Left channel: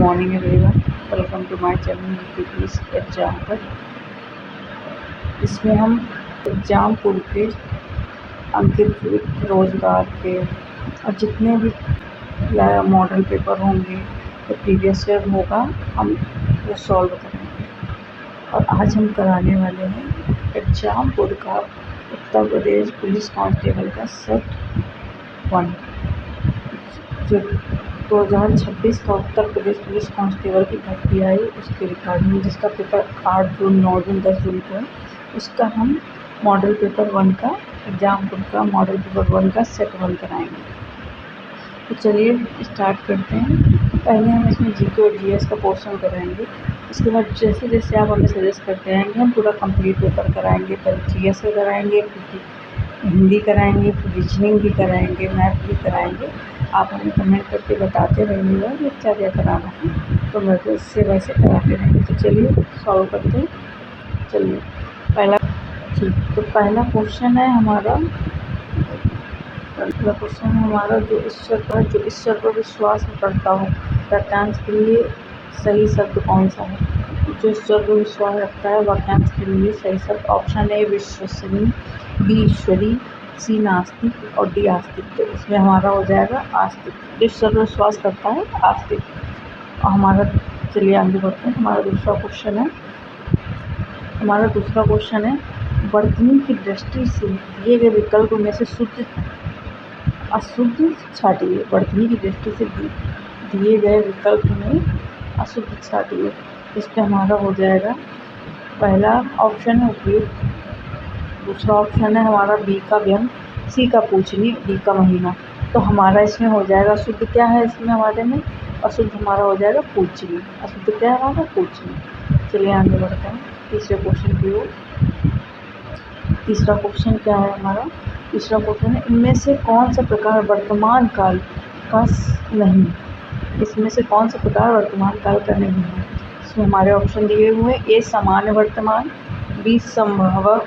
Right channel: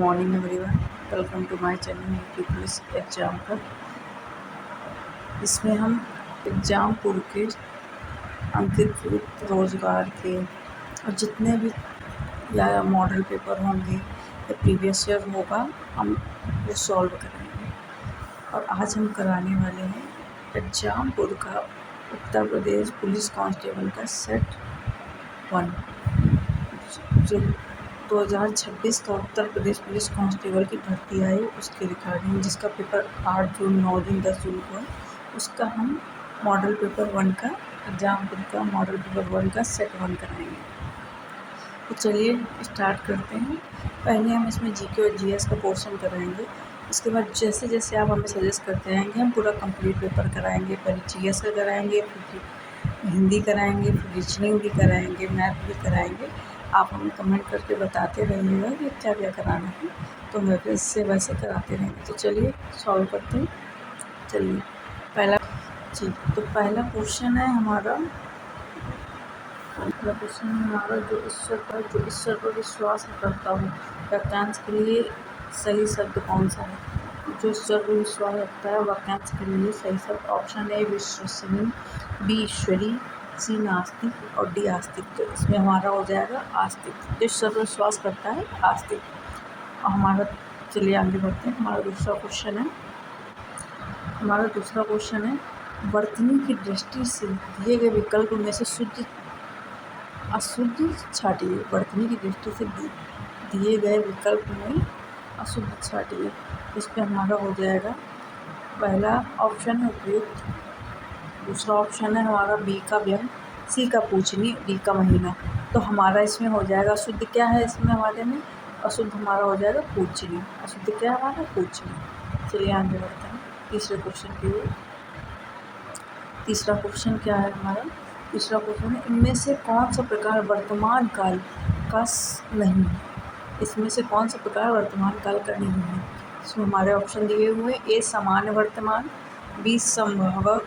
Morning everyone, welcome to my channel PPS exam पर। इसमें हम एग्ज़ाम पूर्व के अंकित रोज़गार के और जितने भी या मॉडल पेपर होंगे या प्रीवियस ईयर होगा हम वो सॉल्व करेंगे। और आज हम कराने वाले हैं एग्ज़ाम पूर्व का उत्तर प्रदेश पुलिस कांस्टेबल का सेट 1 जो 2026 का उत्तर प्रदेश पुलिस कांस्टेबल की भर्ती आई उसके रिगार्डिंग, जिसका पेपर 8 जून 9 जून 10 जून को है, उसका हम मॉडल पेपर 1 का एग्ज़ाम का मॉडल पेपर 1 का सेट 1 कराएंगे। तो चलिए स्टार्ट करते हैं। पहले हम इसमें जीके और जीएस का पोर्शन कराएंगे। उसके बाद जैसे जैसे आप हमें सजेस्ट करते रहेंगे हम पूरा कंप्लीट पेपर कराएंगे। पहले जीएस का कराएंगे, फिर हिंदी कराएंगे, फिर रीजनिंग भी कराएंगे, मैथ भी कराएंगे। आप हमें कमेंट करके बताते रहिएगा कि क्या क्या कराना है, तो मैं इससे वैसे कराते रहेंगे। तो चलिए सॉल्व करते हैं। चलिए पहला पहला क्वेश्चन है हमारा जो ईश्वर पर विश्वास करता हो वाक्यांश के लिए सही शब्द कौन सा है। जो ईश्वर पर विश्वास रखता है वाक्यांश के लिए सही शब्द ऑप्शन ए विश्वसनीय, बी ईश्वरी, सी नास्तिक और डी आस्तिक। तो इसमें हमारा हो जाएगा आस्तिक। जो ईश्वर पर विश्वास करता है आस्तिक। और हमारा चलिए आगे बढ़ते हैं। हमारा दूसरा क्वेश्चन है वर्तनी की दृष्टि से दिए गए विकल्प में से शुद्ध अशुद्ध छाटिए। वर्तनी की दृष्टि से दिए गए विकल्प में अशुद्ध छाटिए। इस पर हमारा हो जाएगा पहला ऑप्शन है उपयुक्त, दूसरा ऑप्शन है हमारा बी का व्यंग, सी का पूछनी, डी का महीना। तो हमारा इसमें हो जाएगा अशुद्ध क्या है इसमें हमारे में, अशुद्ध हमारा हो जाएगा पूछनी। अशुद्ध क्या है हमारा पूछनी। चलिए आगे बढ़ते हैं तीसरे क्वेश्चन की ओर। तीसरा क्वेश्चन क्या है हमारा, तीसरा क्वेश्चन है इनमें से कौन सा प्रकार वर्तमान काल का नहीं। इसमें से कौन सा प्रकार वर्तमान काल का नहीं है। इसमें हमारे ऑप्शन दिए हुए हैं ए सामान्य वर्तमान, बी संभव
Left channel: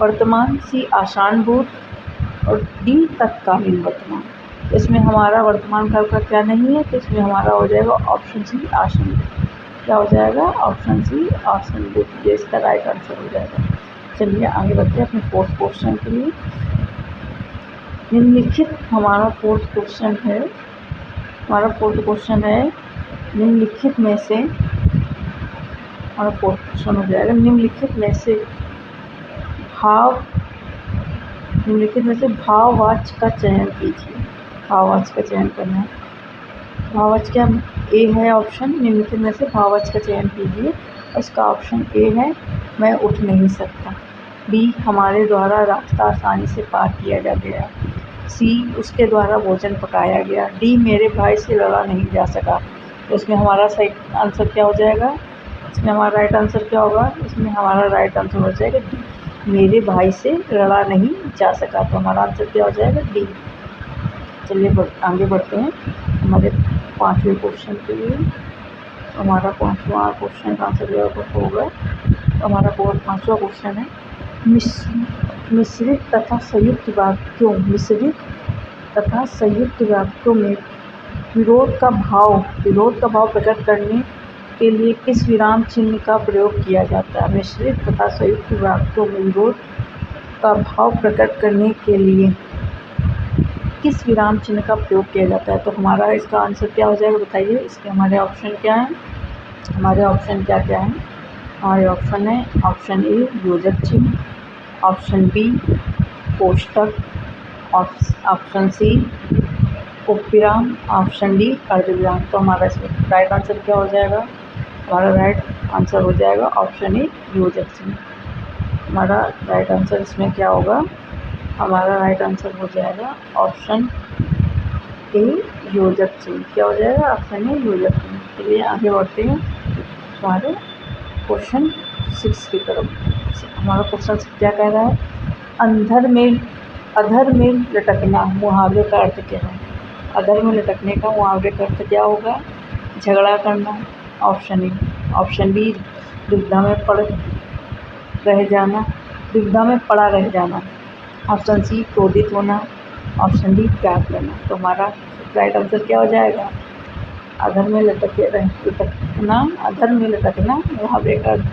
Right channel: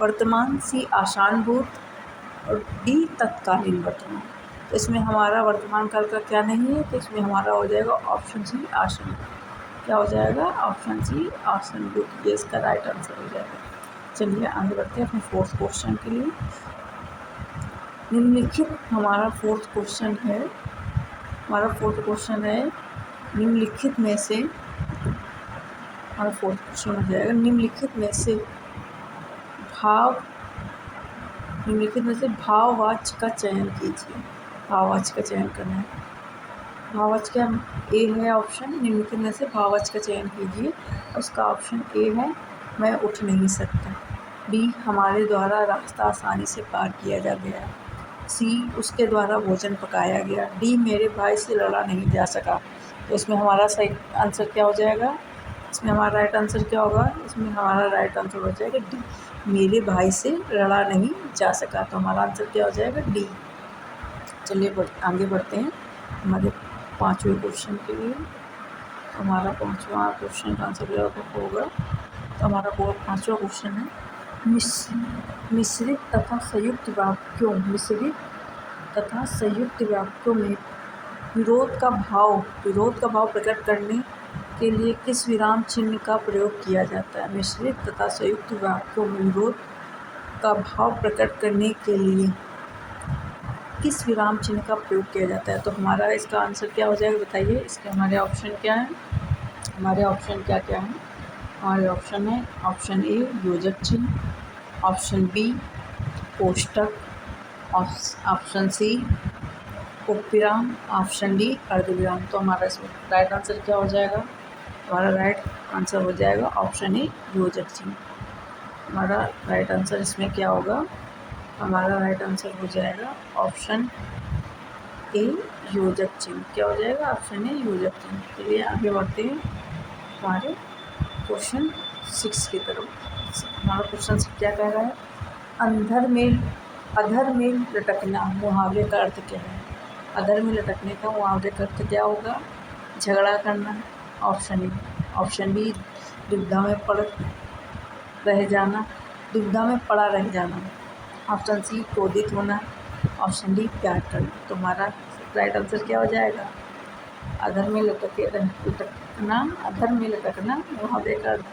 वर्तमान, सी आशानुभूत और डी तत्कालीन वर्तमान। तो इसमें हमारा वर्तमान काल का क्या नहीं है, तो इसमें हमारा हो जाएगा ऑप्शन सी आशानुभूत। क्या हो जाएगा ऑप्शन सी आशानुभूत, ये इसका राइट आंसर हो जाएगा। चलिए आगे बढ़ते हैं अपने फोर्थ क्वेश्चन के लिए। निम्नलिखित हमारा फोर्थ क्वेश्चन है निम्नलिखित में से हमारा फोर्थ क्वेश्चन हो जाएगा निम्नलिखित में से भाववाच्य का चयन कीजिए। भाववाच्य का चयन करना है। भाववाच्य क्या ए है ऑप्शन, निम्नलिखित में से भाववाच्य का चयन कीजिए। और इसका ऑप्शन ए है मैं उठ नहीं सकता, बी हमारे द्वारा रास्ता आसानी से पार किया जा गया, सी उसके द्वारा भोजन पकाया गया, डी मेरे भाई से लड़ा नहीं जा सका। तो इसमें हमारा सही आंसर क्या हो जाएगा, इसमें हमारा राइट आंसर क्या होगा, इसमें हमारा राइट आंसर हो जाएगा डी मेरे भाई से लड़ा नहीं जा सका। तो हमारा आंसर क्या हो जाएगा डी। चलिए आगे बढ़ते हैं हमारे पाँचवें क्वेश्चन के लिए। हमारा पाँचवा क्वेश्चन का आंसर होगा, तो हमारा पाँचवा क्वेश्चन है मिश्रित तथा संयुक्त वाक्यों में विरोध का भाव प्रकट करने के लिए किस विराम चिन्ह का प्रयोग किया जाता है। मिश्रित तथा संयुक्त वाक्यों में विरोध का भाव प्रकट करने के लिए किस विराम चिन्ह का प्रयोग किया जाता है। तो हमारा इसका आंसर क्या हो जाएगा बताइए। इसके हमारे ऑप्शन क्या हैं, हमारे ऑप्शन क्या क्या हैं। हमारे ऑप्शन है ऑप्शन ए योजक चिन्ह, ऑप्शन बी कोष्टक, ऑप्शन सी उपविराम, ऑप्शन डी अर्धविराम। तो हमारा इसमें राइट आंसर क्या हो जाएगा, हमारा राइट आंसर हो जाएगा ऑप्शन ए योजक चिन्ह। हमारा राइट आंसर इसमें क्या होगा, हमारा राइट आंसर हो जाएगा ऑप्शन ए योजक चिन्ह। क्या हो जाएगा ऑप्शन ए योजक चिन्ह। चलिए आगे बढ़ते हैं हमारे क्वेश्चन 6 की तरफ। हमारा क्वेश्चन क्या कह रहा है, अधर में लटकना मुहावरे का अर्थ क्या है। अधर में लटकने का मुहावरे का अर्थ क्या होगा, झगड़ा करना, ऑप्शन ए, ऑप्शन बी दुविधा में पड़ा रह जाना, ऑप्शन सी क्रोधित होना, ऑप्शन डी प्यार करना। तो हमारा राइट आंसर क्या हो जाएगा, अधर में लटकना, अधर में लटकना वहाँ बेकार।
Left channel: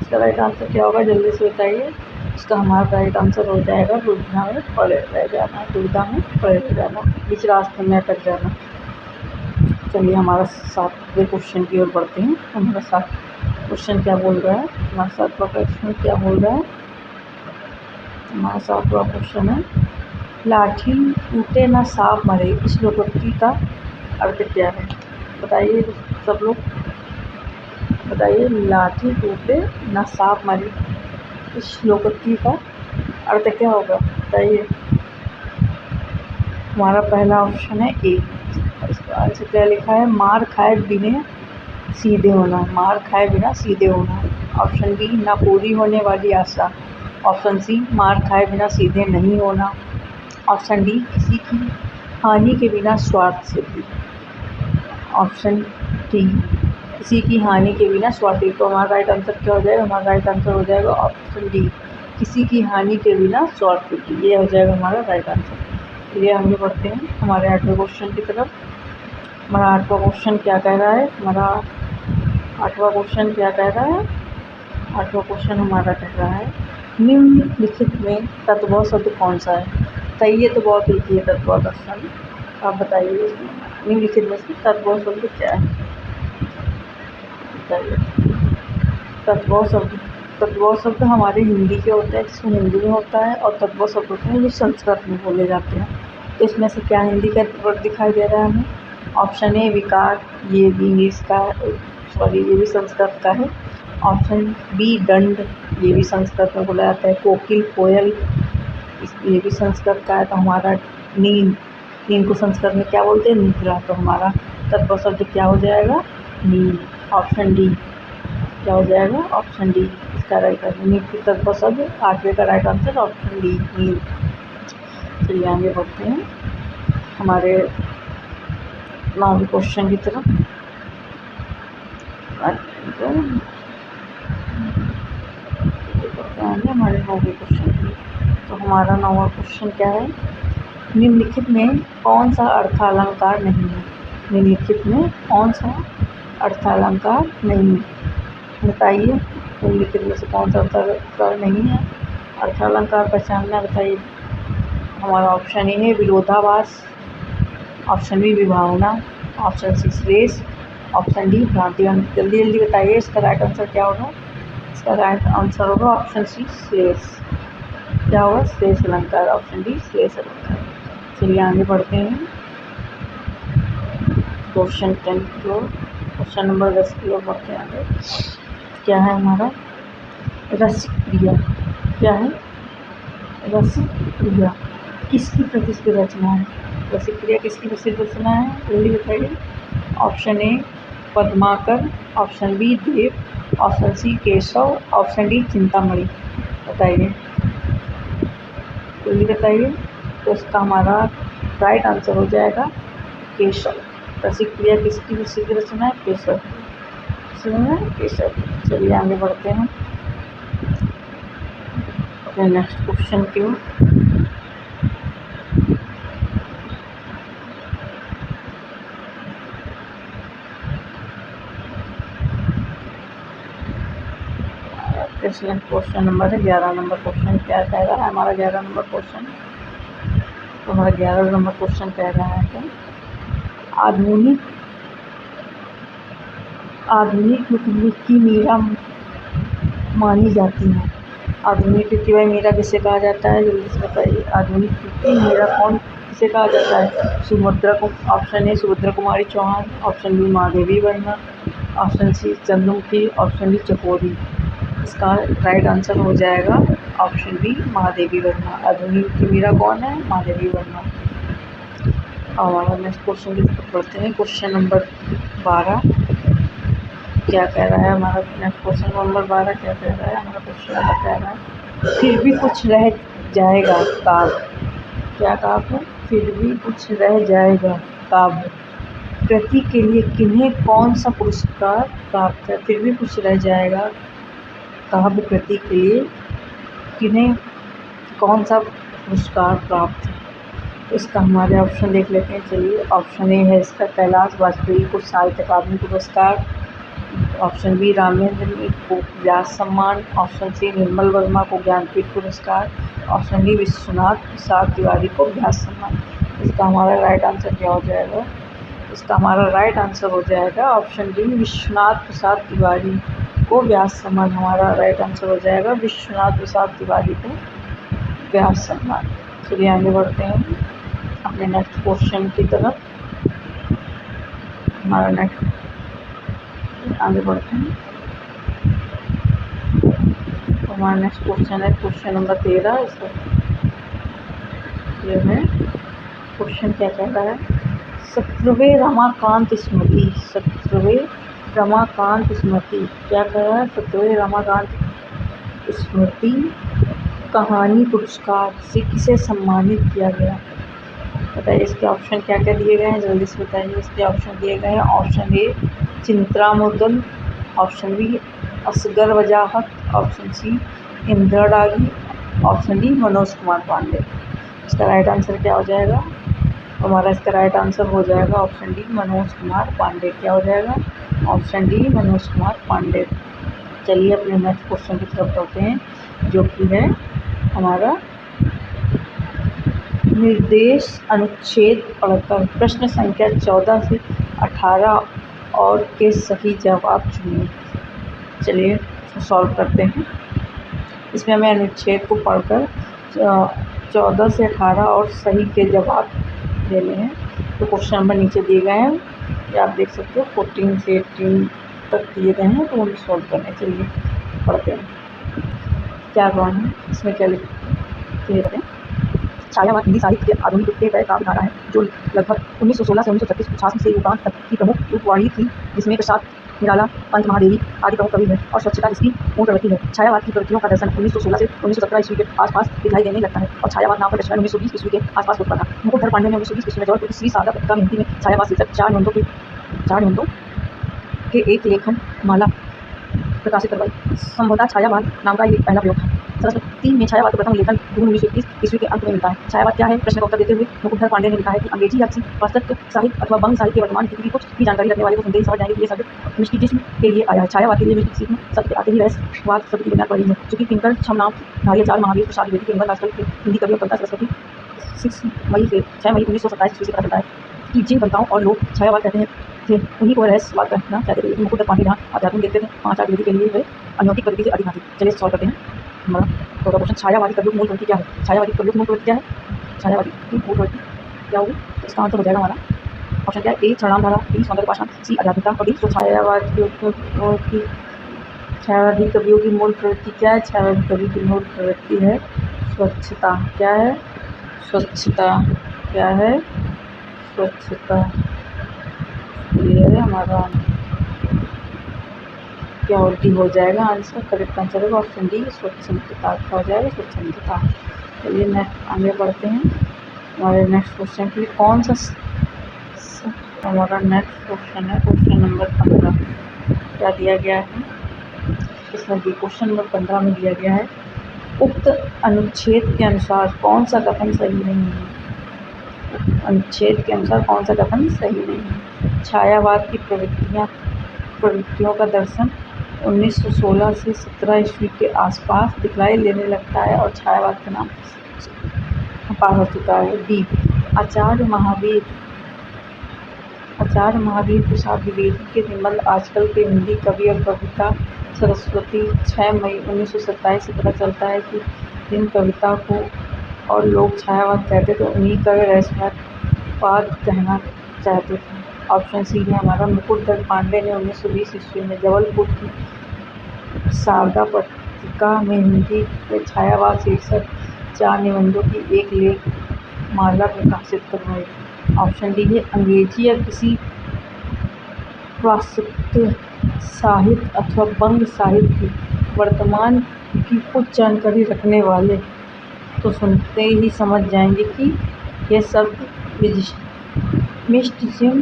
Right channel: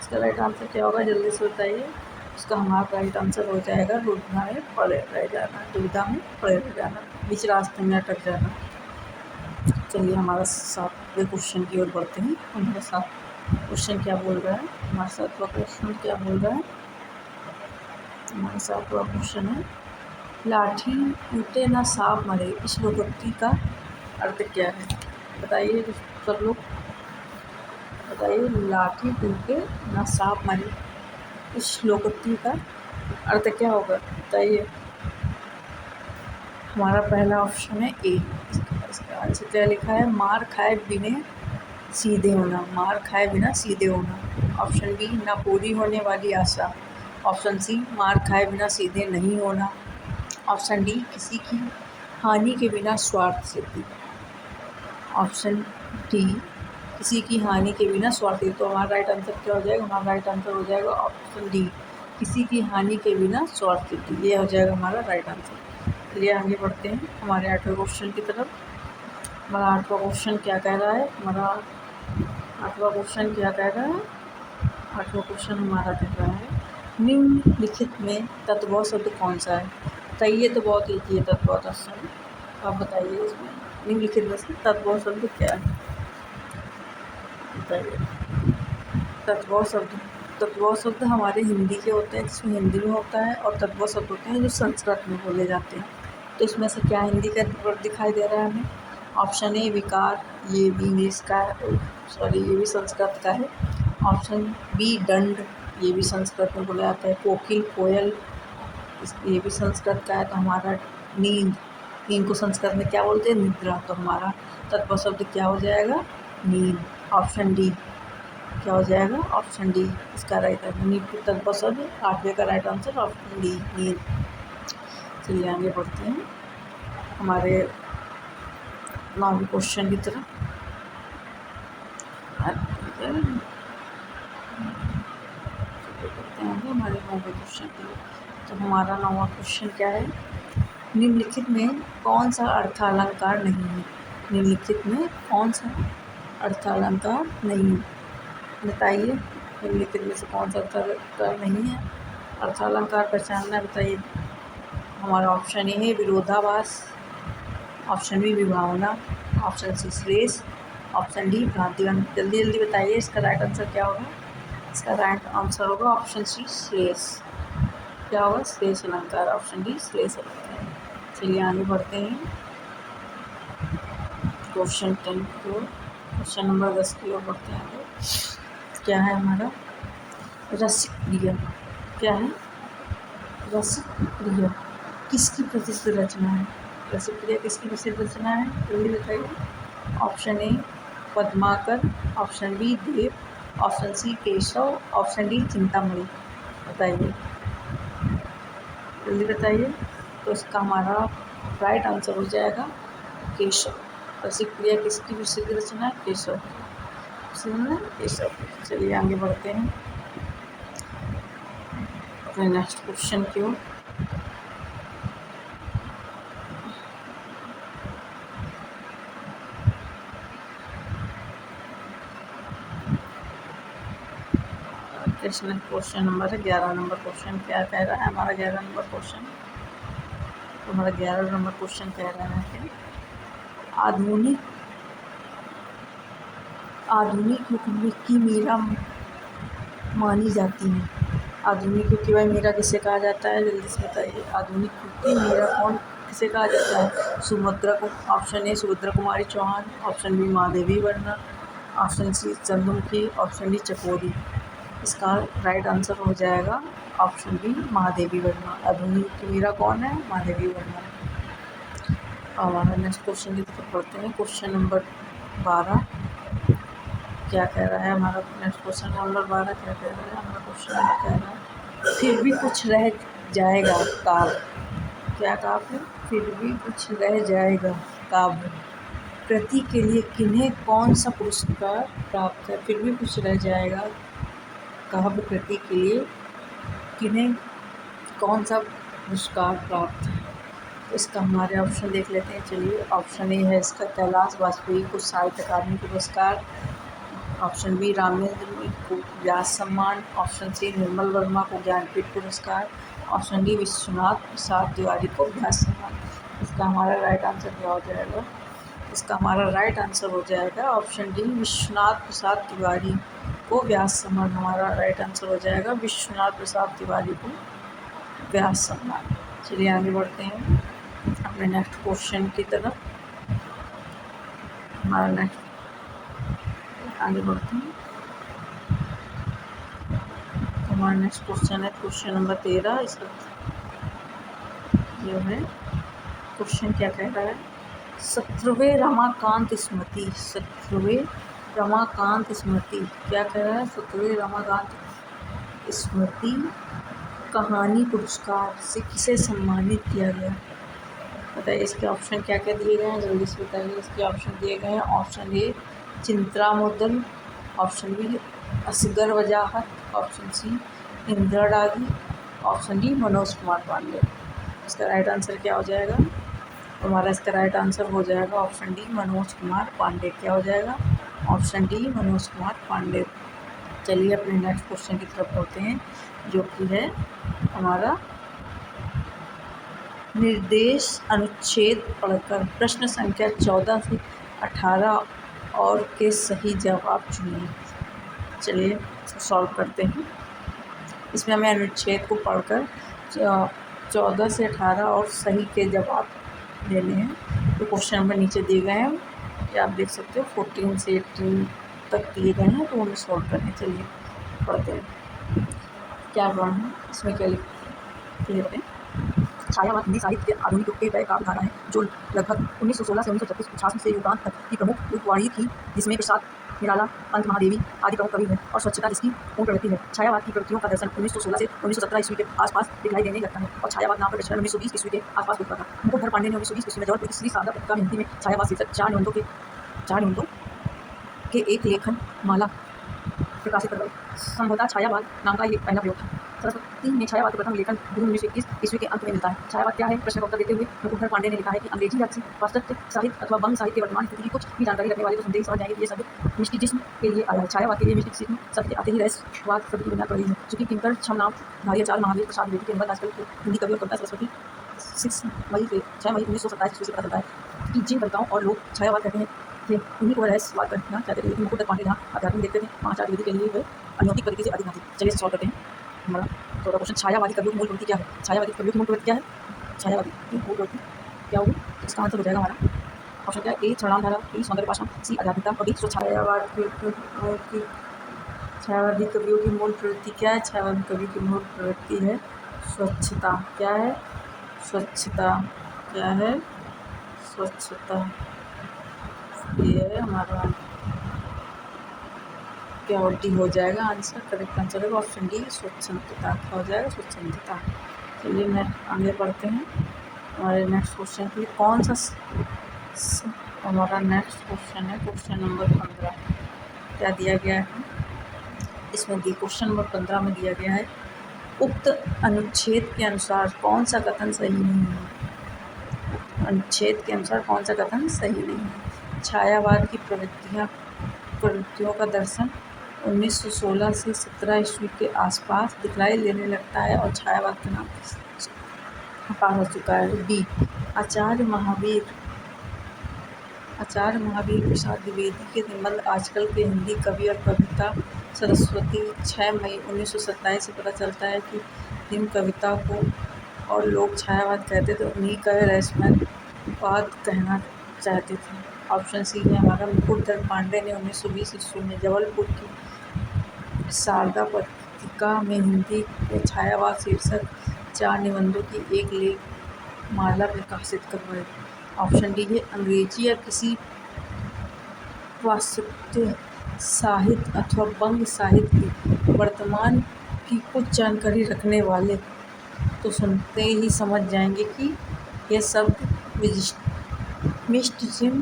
इसका राइट आंसर क्या होगा, जल्दी से बताइए। इसका हमारा राइट आंसर हो जाएगा दुविधा में पड़े रह जाना, दुविधा में पड़े रह जाना, बीच रास्ते में अटक जाना। चलिए हमारा 7वें क्वेश्चन की ओर बढ़ते हैं। हमारा 7 क्वेश्चन क्या बोल रहा है, हमारा 7वां क्वेश्चन क्या बोल रहा है। हमारा 7वां क्वेश्चन है, लाठी टूटे ना सांप मरे, इस लोकोक्ति का अर्थ क्या है। बताइए सब लोग, बताइए। लाठी टूटे ना सांप मरे, इस लोकोक्ति का अर्थ क्या होगा, बताइए। हमारा पहला ऑप्शन है ए। इसका आंसर क्या लिखा है, मार खाए बिना सीधे होना, मार खाए बिना सीधे होना। ऑप्शन बी, ना पूरी होने वाली आशा। ऑप्शन सी, मार खाए बिना सीधे नहीं होना। ऑप्शन डी, किसी की हानि के बिना स्वार्थ सिद्धि। ऑप्शन डी, किसी की हानि के बिना स्वार्थ सिद्धि। तो हमारा राइट आंसर क्या हो जाएगा, हमारा राइट आंसर हो जाएगा ऑप्शन डी, किसी की हानि के बिना स्वार्थ सिद्धि। ये हो जाएगा हमारा राइट आंसर। चलिए आगे बढ़ते हैं हमारे 8वें क्वेश्चन की तरफ। हमारा 8वां क्वेश्चन क्या कह रहा है, हमारा 8वां क्वेश्चन क्या कह रहा है। 8वां क्वेश्चन हमारा कह रहा है, निम्नलिखित में तत्व शब्द कौन सा है। बताइए, ये तो बहुत ईजी है तत्व शब्द, आप बताइए इसमें निम्नलिखित में से तत्व शब्द क्या है, बताइए। तत्व शब्द हमारे हिंदी के होते हैं, जिसमें हिंदी में होता है, और तत्व शब्द होते हैं जो संस्कृत में बोले जाते हैं। तो इसमें से क्या हिंदी का वर्ड दिखाई दे रहा है हमें। ऑप्शन ए विकार, ये भी इंग्लिश का, सॉरी ये भी संस्कृत का है। ऑप्शन बी दंड, ये भी संस्कृत में बोला जाता है। कोकिल, कोयल, ये भी संस्कृत का है। तो हमारा नींद, नींद को संस्कृत में क्या बोलते हैं, निद्रा। तो हमारा तत्व शब्द क्या हो जाएगा, नींद। ऑप्शन डी क्या हो जाएगा, ऑप्शन डी इसका राइट आंसर। नींद तत्व शब्द 8वें का राइट आंसर ऑप्शन डी, नींद। चलिए आगे बढ़ते हैं हमारे 9वें क्वेश्चन की तरफ। हमारे 9वें क्वेश्चन की। तो हमारा 9वां क्वेश्चन क्या है, निम्नलिखित में कौन सा अर्थालंकार नहीं है। निम्नलिखित में कौन सा अर्थालंकार नहीं है, बताइए। निम्नलिखित में से कौन सा अर्थालंकार नहीं है, अर्थालंकार पहचानना, बताइए। हमारा ऑप्शन ए है विरोधाभास। ऑप्शन बी विभावना। ऑप्शन सी श्लेष। ऑप्शन डी भ्रांति। जल्दी जल्दी बताइए, इसका राइट आंसर क्या होगा। इसका राइट आंसर होगा ऑप्शन सी श्लेष। क्या होगा, श्लेष अलंकार। ऑप्शन डी श्लेष अलंकार। चलिए आगे बढ़ते हैं क्वेश्चन 10 की ओर, क्वेश्चन नंबर 10 की ओर बढ़ते हैं आगे। क्या है हमारा, रसिक क्रिया। क्या है, रसिक क्रिया किसकी प्रसिद्ध रचना है। रसिक क्रिया किसकी प्रसिद्ध रचना है, जल्दी बताइए। Option A Padmakar. Option B Dev. Option C Keshav. Option D Chintamani. बताइए, जल्दी बताइए। तो इसका हमारा राइट आंसर हो जाएगा केशव। रसिक क्रिया किसकी प्रसिद्ध रचना है, केशव। केशव। चलिए आगे बढ़ते हैं अपने नेक्स्ट क्वेश्चन की ओर। क्वेश्चन नंबर है 11 नंबर क्वेश्चन क्या कह रहा है हमारा 11 नंबर क्वेश्चन। तो हमारा 11 नंबर क्वेश्चन कह रहा है कि आधुनिक युग की मीरा मानी जाती है। आधुनिक युग की भाई मीरा किसे कहा जाता है, जल्दी से बताइए। आधुनिक युग की मीरा कौन किसे कहा जाता है, सुभद्रा को। Option A Subhadra Kumari Chauhan. Option B Mahadevi Verma. Option C Chandramukhi. Option D Chakori. इसका राइट आंसर हो जाएगा ऑप्शन बी महादेवी वर्मा। आधुनिक की मीरा कौन है, महादेवी वर्मा। हमारा नेक्स्ट क्वेश्चन की तरफ बढ़ते हैं। क्वेश्चन नंबर 12 क्या कह रहा है हमारा, नेक्स्ट क्वेश्चन नंबर 12 क्या कह रहा है हमारा क्वेश्चन नंबर कह रहा है, फिर भी कुछ रह जाएगा काव्य। क्या काव्य, फिर भी कुछ रह जाएगा काव्य कृति के लिए किन्हें कौन सा पुरस्कार प्राप्त है। फिर भी कुछ रह जाएगा काव्य कृति के लिए किन्हें कौन सा पुरस्कार प्राप्त है। इसका हमारे ऑप्शन देख लेते हैं। चलिए, ऑप्शन ए है इसका कैलाश वाजपेयी को साहित्य अकादमी पुरस्कार, ऑप्शन बी रामेंद्र को व्यास सम्मान, ऑप्शन सी निर्मल वर्मा को ज्ञानपीठ पुरस्कार, ऑप्शन डी विश्वनाथ प्रसाद तिवारी को व्यास सम्मान। इसका हमारा राइट आंसर क्या हो जाएगा? इसका हमारा राइट आंसर हो जाएगा ऑप्शन डी विश्वनाथ प्रसाद तिवारी को व्यास सम्मान। हमारा राइट आंसर हो जाएगा विश्वनाथ प्रसाद तिवारी को व्यास सम्मान। चलिए आगे बढ़ते हैं अपने नेक्स्ट क्वेश्चन की तरफ। हमारा नेक्स्ट आगे बढ़ते हैं तो हमारा नेक्स्ट क्वेश्चन है क्वेश्चन नंबर 13। इसका जो है क्वेश्चन क्या कह रहा है? 17वें रमाकांत स्मृति, 17वें रमाकांत स्मृति क्या कह रहा है? 17वें रमाकांत स्मृति कहानी पुरस्कार से किसे सम्मानित किया गया? बताइए इसके ऑप्शन क्या क्या दिए गए हैं, जल्दी से बताइए। इसके ऑप्शन दिए गए हैं option A Chitra Mudgal, option B Asghar Wajahat, option C Indira डागी, ऑप्शन डी मनोज कुमार पांडे। इसका राइट आंसर क्या हो जाएगा? हमारा इसका राइट आंसर हो जाएगा ऑप्शन डी मनोज कुमार पांडे। क्या हो जाएगा? Option D Manoj Kumar Pandey. चलिए अपने नेक्स्ट क्वेश्चन की तरफ बढ़ते हैं, जो कि है हमारा निर्देश अनुच्छेद पढ़कर प्रश्न संख्या 14 से 18 और के सही जवाब चुनिए। चलिए सॉल्व करते हैं। इसमें हमें अनुच्छेद को पढ़कर 14 से 18 और सही के जवाब देने हैं। तो क्वेश्चन नंबर नीचे दिए गए हैं, ये आप देख सकते हो 14 से 18 तक दिए गए हैं, तो वो भी सॉल्व करने। चलिए पढ़ते हैं क्या रॉन्ग है, इसमें क्या लिखे हैं। छायावाद हिंदी साहित्य के आधुनिक युग के वह काव्यधारा है जो लगभग 1916 से 1936 से युगांत तक की प्रमुख युगवाणी थी, जिसमें प्रसाद निराला, पंत महादेवी आदि प्रमुख कवि हैं और स्वच्छता इसकी मूल प्रवृत्ति है। छायावाद की प्रवृत्तियों का दर्शन 1916 से 1917 ईस्वी के आसपास दिखाई देने लगता है और छायावाद नाम का प्रचलन 1920 ईस्वी के आसपास होता था। मुकुटधर पांडे ने 1920 ईस्वी में जबलपुर की श्री शारदा पत्रिका में हिंदी में छायावाद शीर्षक 4 निबंधों के एक लेखन माला प्रकाशित करवाई। संभवतः छायावाद नाम का ये पहला प्रयोग था। सरस्वती में छायावाद का प्रथम लेखन जून 1921 ईस्वी के अंत में मिलता है। छायावाद क्या है? प्रश्न का उत्तर देते हुए मुकुटधर पांडे ने लिखा है कि अंग्रेजी या किसी पाश्चात्य साहित्य अथवा बंग साहित्य की वर्तमान स्थिति की कुछ भी जानकारी रखने वाले को सुनते ही समझ जाएंगे कि ये शब्द मिस्टिसिज्म के लिए आया है। छायावाद के लिए मिस्टिसिज्म शब्द के आते ही रहस्यवाद शब्द की बुनियाद पड़ी है, चूंकि किंकर छमनाम धारिया चार महावीर प्रसाद द्विवेदी के निबंध आजकल के हिंदी कवि और कविता सरस्वती 6 मई 1927 ईस्वी से पता चलता है कि जिन कविताओं और लोग छायावाद कहते हैं थे उन्हीं को रहस्यवाद कहना चाहते थे। लेकिन मुकुटधर पांडे जहाँ अध्यात्म देखते थे, 5 आठ के लिए वे अनौतिक पद्धति से अधिक आती। चलिए सॉल्व करते हैं। हमारा तो क्वेश्चन छायावादी कवियों की मूल प्रवृत्ति क्या है? छायावादी कवियों की मूल प्रवृत्ति क्या है? छायावादी की मूल प्रवृत्ति क्या होगी? इसका आंसर हो जाएगा हमारा ऑप्शन क्या है? ए छायाधारा, बी सौंदर्य पाषाण, सी आध्यात्मिकता और डी छायावादी कवियों की मूल प्रवृत्ति क्या है? छायावादी कवि की मूल प्रवृत्ति है स्वच्छता। क्या है? स्वच्छता। क्या है? स्वच्छता। ये है हमारा क्या उल्टी हो जाएगा आंसर? करेक्ट आंसर है ऑप्शन डी स्वच्छंदता। क्या हो जाएगा? स्वच्छंदता। चलिए नेक्स्ट आगे बढ़ते हैं हमारे नेक्स्ट क्वेश्चन के लिए। कौन सा हमारा नेक्स्ट क्वेश्चन है क्वेश्चन नंबर 15। क्या दिया गया है इसमें? क्वेश्चन नंबर 15 में दिया गया है उक्त अनुच्छेद के अनुसार कौन सा कथन सही नहीं है? अनुच्छेद के अनुसार कौन सा कथन सही नहीं है? छायावाद की प्रवृत्तियों का दर्शन 1916 से 17 ईस्वी के आसपास दिखलाई देने लगता है और छायावाद का नाम पार हो चुका है। बी आचार्य महावीर प्रसाद द्विवेदी के निबंध आजकल के हिंदी कवि और कविता सरस्वती 6 मई 1927 से पता चलता है कि जिन कविता को और लोग छायावाद कहते थे उन्हीं का वे रहस्यवाद कहना चाहते थे। ऑप्शन सी है हमारा मुकुटधर पांडे ने 1920 ईस्वी में जबलपुर की शारदा पत्रिका में हिंदी में छायावाद शीर्षक 4 निबंधों की एक लेख माला प्रकाशित करवाई। ऑप्शन डी है अंग्रेजी या किसी पाश्चात्य साहित्य अथवा बंग साहित्य की वर्तमान की कुछ जानकारी रखने वाले तो सुनते ही समझ जाएंगे कि यह शब्द मिस्टिसिज्म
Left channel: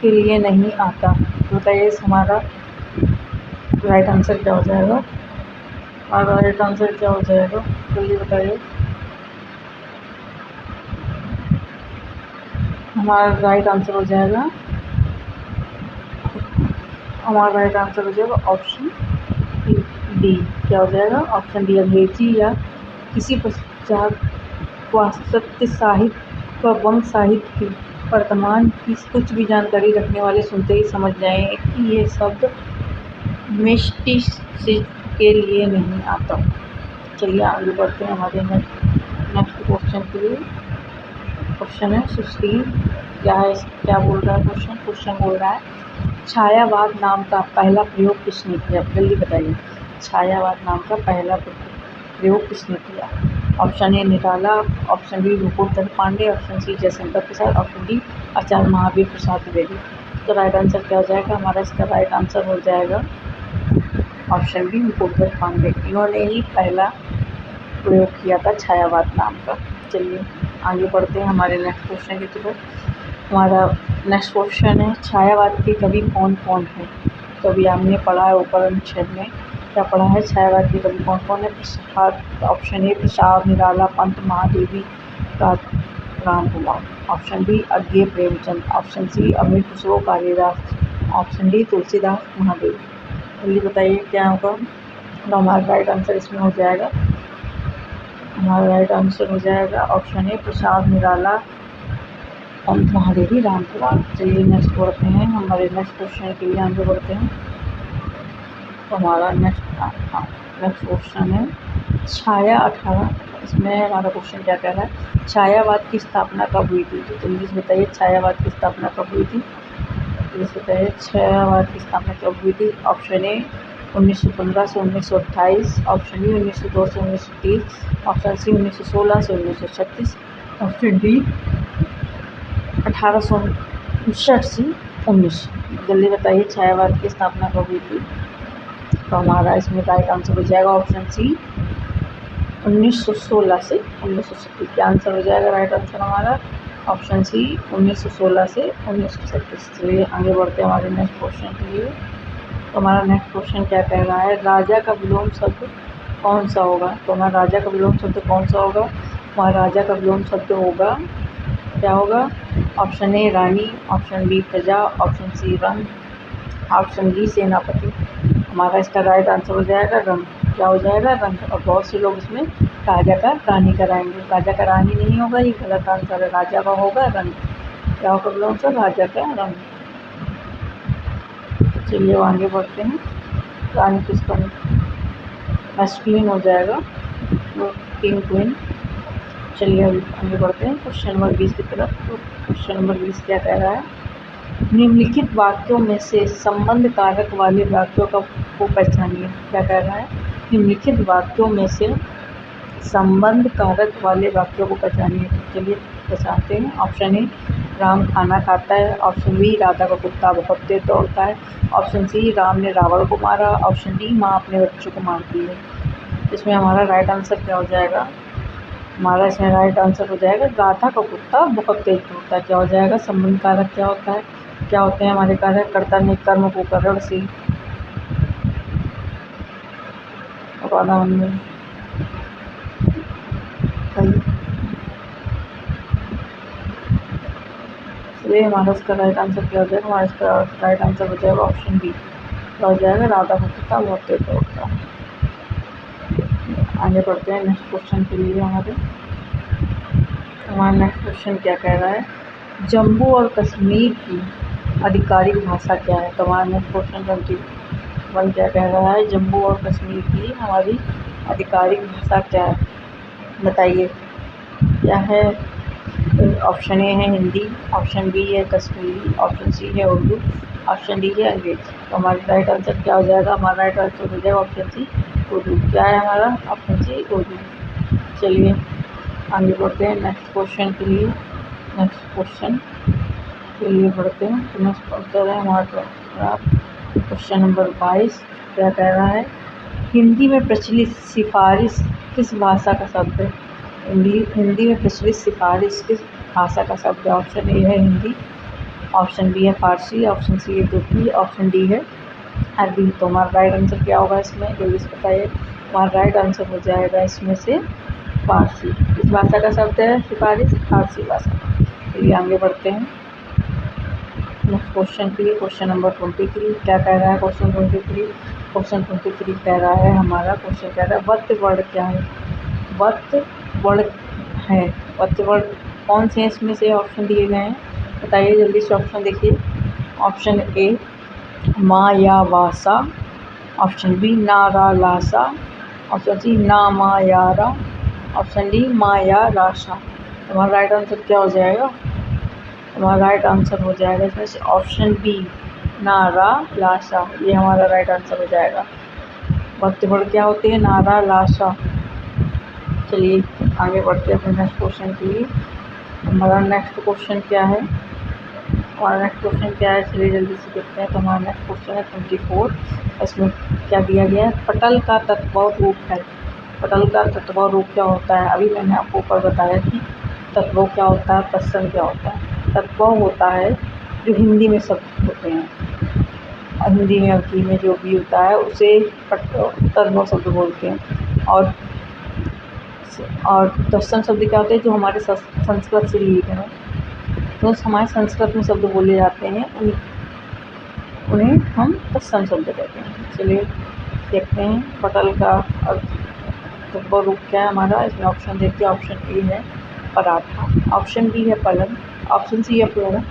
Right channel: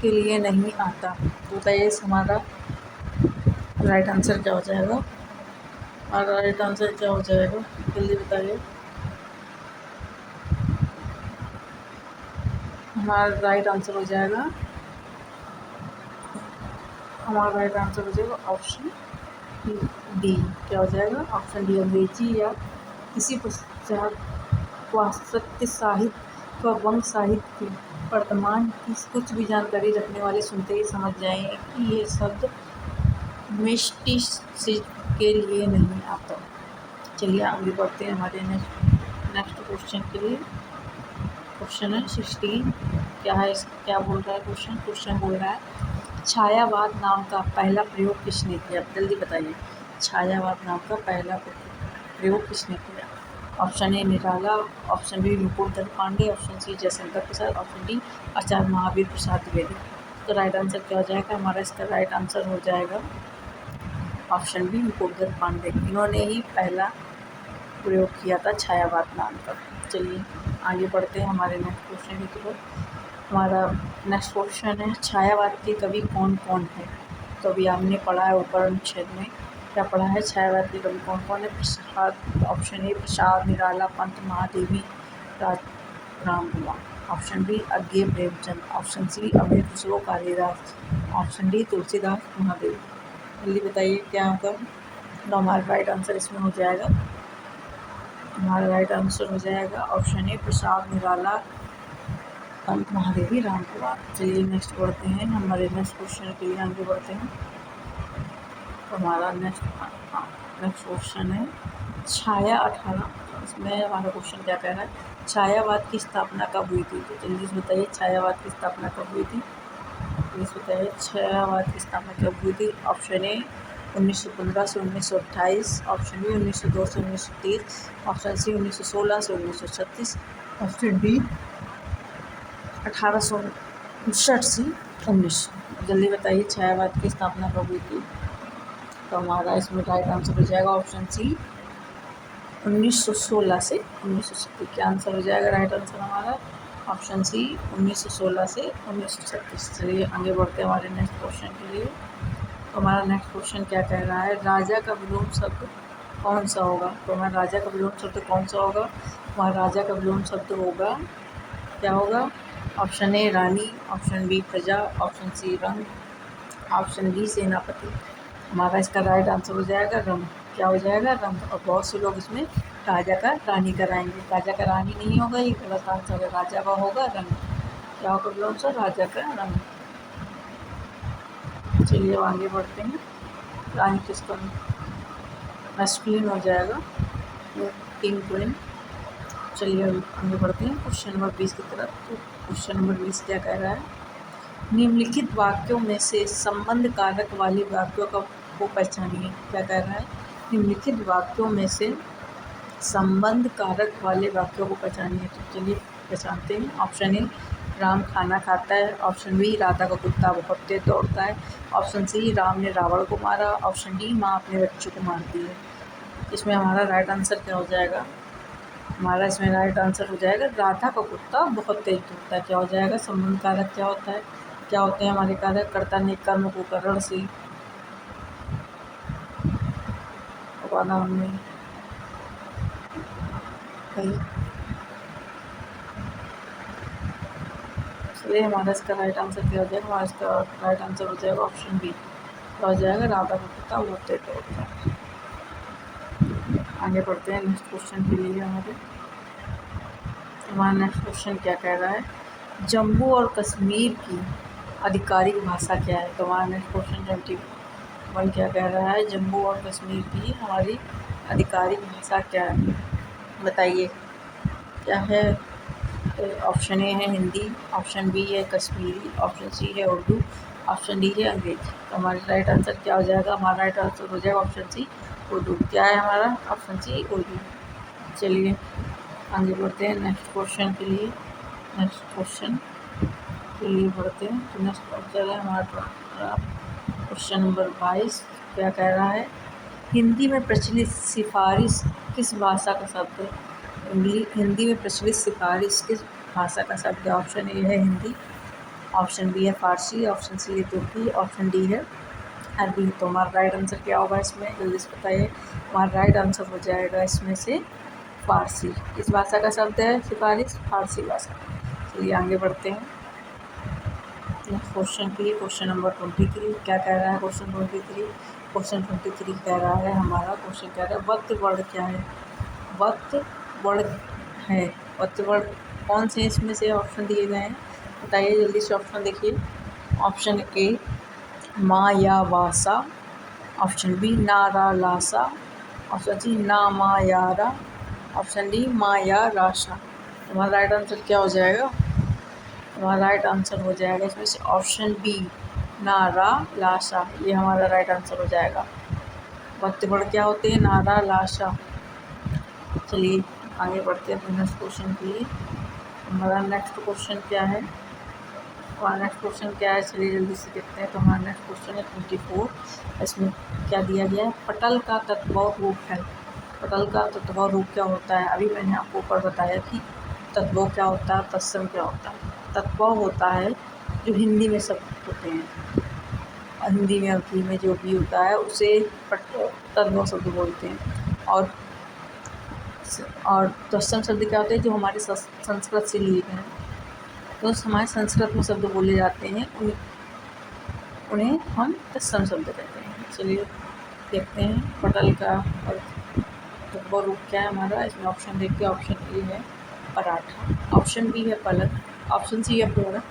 के लिए नहीं आता। तो बताइए हमारा राइट आंसर क्या हो जाएगा? हमारा राइट आंसर क्या हो जाएगा? जल्दी बताइए। हमारा राइट आंसर हो जाएगा ऑप्शन डी। क्या हो जाएगा? Option D. अंग्रेजी या किसी पश्चात पाश्चात्य साहित्य व वंश साहित्य की वर्तमान की कुछ भी जानकारी रखने वाले सुनते ही समझ जाएं कि ये शब्द मिस्टिसिज्म के लिए नहीं आता। चलिए आगे बढ़ते हैं हमारे नेक्स्ट क्वेश्चन के लिए। क्वेश्चन है 16। क्या बोल रहा है क्वेश्चन बोल रहा है छायावाद नाम का पहला प्रयोग किसने किया? जल्दी बताइए, छायावाद नाम का पहला प्रयोग किसने किया? Option A Nirala, option B Mukutdhar Pandey, option C Jaishankar Prasad, option D Acharya Mahavir Prasad Dwivedi. इसका राइट आंसर क्या हो जाएगा? हमारा इसका राइट आंसर हो जाएगा ऑप्शन बी मुकुटधर पांडे। इन्होंने ही पहला प्रयोग किया था छायावाद नाम का। चलिए आगे बढ़ते हैं हमारे नेक्स्ट क्वेश्चन की तरफ। हमारा नेक्स्ट क्वेश्चन है छायावाद के कवि कौन कौन हैं? तो अभी हमने पढ़ा है ऊपर अनुच्छेद में, क्या पढ़ा है? छायावाद के कवि कौन कौन है? Prasad, option A Prasad, Nirala, Pant, Mahadevi, Ram Kumar, option B Agyeya Premchand, option C Amir Khusro, Kalidas, option D Tulsidas, Mahadev. जल्दी बताइए क्या होगा? तो हमारा राइट आंसर इसमें हो जाएगा, हमारा राइट आंसर हो जाएगा ऑप्शन ए प्रसाद, निराला, पंत, महादेवी, राम कुमार। चलिए नेक्स्ट बढ़ते हैं, हमारे नेक्स्ट क्वेश्चन के लिए आगे बढ़ते हैं। तो हमारा नेक्स्ट क्वेश्चन है छाया 18। इसमें हमारा क्वेश्चन क्या कह रहा है? छायावाद की स्थापना कब हुई थी? तो जल्दी से बताइए छायावाद की स्थापना कब हुई थी? जल्दी से बताइए छायावाद की स्थापना कब हुई थी? ऑप्शन ए 1915 से 1928, ऑप्शन बी 1902 से 1930, ऑप्शन सी 1916 से 1936, ऑप्शन डी 1859 से 19। जल्दी बताइए छायावाद की स्थापना कब हुई थी? तो हमारा इसमें राइट आंसर हो जाएगा ऑप्शन सी 1916 से 1937। क्या आंसर हो जाएगा राइट आंसर हमारा? ऑप्शन सी 1916 से 1937। चलिए आगे बढ़ते हैं हमारे नेक्स्ट क्वेश्चन के लिए। तो हमारा नेक्स्ट क्वेश्चन क्या कह रहा है? राजा का विलोम शब्द कौन सा होगा? तो हमारा राजा का विलोम शब्द कौन सा होगा? हमारा राजा का विलोम शब्द होगा, क्या होगा? ऑप्शन ए रानी, ऑप्शन बी प्रजा, ऑप्शन सी रंग, ऑप्शन डी सेनापति। हमारा इसका राइट आंसर हो जाएगा रंग। क्या हो जाएगा? रंग। और बहुत से लोग इसमें राजा का रानी कराएंगे, राजा का रानी नहीं होगा, ये गलत आंसर है, राजा का होगा रंग। क्या होगा विलोम शब्द? राजा का रंग। चलिए आगे बढ़ते हैं। रानी किसका मैस्कुलिन हो जाएगा, किंग क्वीन। चलिए अभी आगे बढ़ते हैं क्वेश्चन नंबर 20 की तरफ। तो क्वेश्चन नंबर 20 क्या कह रहा है? निम्नलिखित वाक्यों में से संबंध कारक वाले वाक्यों को पहचानिए। क्या कह रहा है? निम्नलिखित वाक्यों में से संबंध कारक वाले वाक्यों को पहचानिए। तो चलिए पहचानते हैं। ऑप्शन ए राम खाना खाता है, ऑप्शन बी राधा का कुत्ता बहुत तेज दौड़ता है, ऑप्शन सी राम ने रावण को मारा, ऑप्शन डी माँ अपने बच्चों को मारती है। इसमें हमारा राइट आंसर क्या हो जाएगा? हमारा इसमें राइट आंसर हो जाएगा राधा का कुत्ता बहुत तेज दौड़ता है। क्या हो जाएगा? संबंध कारक क्या होता है? क्या होते हैं हमारे कारक? कर्ता ने कर्म को करण से में इसलिए हमारा इसका राइट आंसर क्या हो जाएगा? हमारा इसका राइट आंसर हो जाएगा ऑप्शन बी। क्या हो जाएगा? राधा का कुत्ता बहुत तेज दौड़ता है। आगे बढ़ते हैं नेक्स्ट क्वेश्चन के लिए। हमारा नेक्स्ट क्वेश्चन क्या कह रहा है? जम्मू और कश्मीर की आधिकारिक भाषा क्या है? तो हमारा नेक्स्ट क्वेश्चन 21 क्या कह रहा है? जम्मू और कश्मीर की हमारी आधिकारिक भाषा क्या है? बताइए क्या है? ऑप्शन ए है हिंदी, ऑप्शन बी है कश्मीरी, ऑप्शन सी है उर्दू, ऑप्शन डी है अंग्रेजी। तो हमारी राइट आंसर क्या हो जाएगा? हमारा राइट आंसर हो जाएगा ऑप्शन सी उर्दू। क्या है हमारा? Option C Urdu. चलिए आगे बढ़ते हैं नेक्स्ट क्वेश्चन के लिए। नेक्स्ट क्वेश्चन के लिए बढ़ते हैं। तो नेक्स्ट क्वेश्चन है हमारा क्वेश्चन नंबर 22। क्या कह रहा है? हिंदी में प्रचलित सिफारिश किस भाषा का शब्द है? हिंदी में प्रचलित सिफारिश किस भाषा का शब्द है? ऑप्शन ए है हिंदी, ऑप्शन बी है फारसी, ऑप्शन सी है तुर्की, ऑप्शन डी है अरबी। तो हमारा राइट आंसर क्या होगा इसमें? जल्दी से बताइए। हमारा राइट आंसर हो जाएगा इसमें से फारसी। किस भाषा का शब्द है सिफारिश? फारसी भाषा का। चलिए आगे बढ़ते हैं नेक्स्ट क्वेश्चन के लिए। क्वेश्चन नंबर 23 क्या कह रहा है? क्वेश्चन 23 कह रहा है हमारा क्वेश्चन कह रहा है वत् वर्ण क्या है? वत् वर्ण है। वत् वर्ण कौन से हैं इसमें से? ऑप्शन दिए गए हैं, बताइए जल्दी से। ऑप्शन देखिए। ऑप्शन ए मा या वासा, ऑप्शन बी ना रा लासा, ऑप्शन सी ना मा या रा, ऑप्शन डी मा या राशा। हमारा राइट आंसर क्या हो जाएगा? हमारा राइट आंसर हो जाएगा इसमें से ऑप्शन बी नारा लाशा। ये हमारा राइट आंसर हो जाएगा। वक्त वर्ण क्या होते हैं? नारा लाशा। चलिए आगे बढ़ते हैं अपने नेक्स्ट क्वेश्चन के लिए। हमारा नेक्स्ट क्वेश्चन क्या है? चलिए जल्दी से देखते हैं। तो हमारा नेक्स्ट क्वेश्चन है 24। इसमें क्या दिया गया है? पटल का तत्व रूप है। पटल का तत्व रूप क्या होता है? अभी मैंने आपको ऊपर बताया कि तत्व क्या होता है, तत्सम क्या होता है। तत्व होता है जो हिंदी में शब्द होते हैं, हिंदी में अवधि में जो भी होता है उसे तत्व शब्द बोलते हैं। और तत्सम शब्द क्या होते हैं? जो हमारे संस्कृत से लिए गए हैं, तो हमारे संस्कृत में शब्द बोले जाते हैं उन्हें हम तत्सम शब्द कहते हैं। चलिए देखते हैं पटल का तत्व रूप क्या है हमारा। इसमें ऑप्शन देखते हैं। ऑप्शन ए है पराठा, ऑप्शन बी है पलंग, ऑप्शन सी है पलंग,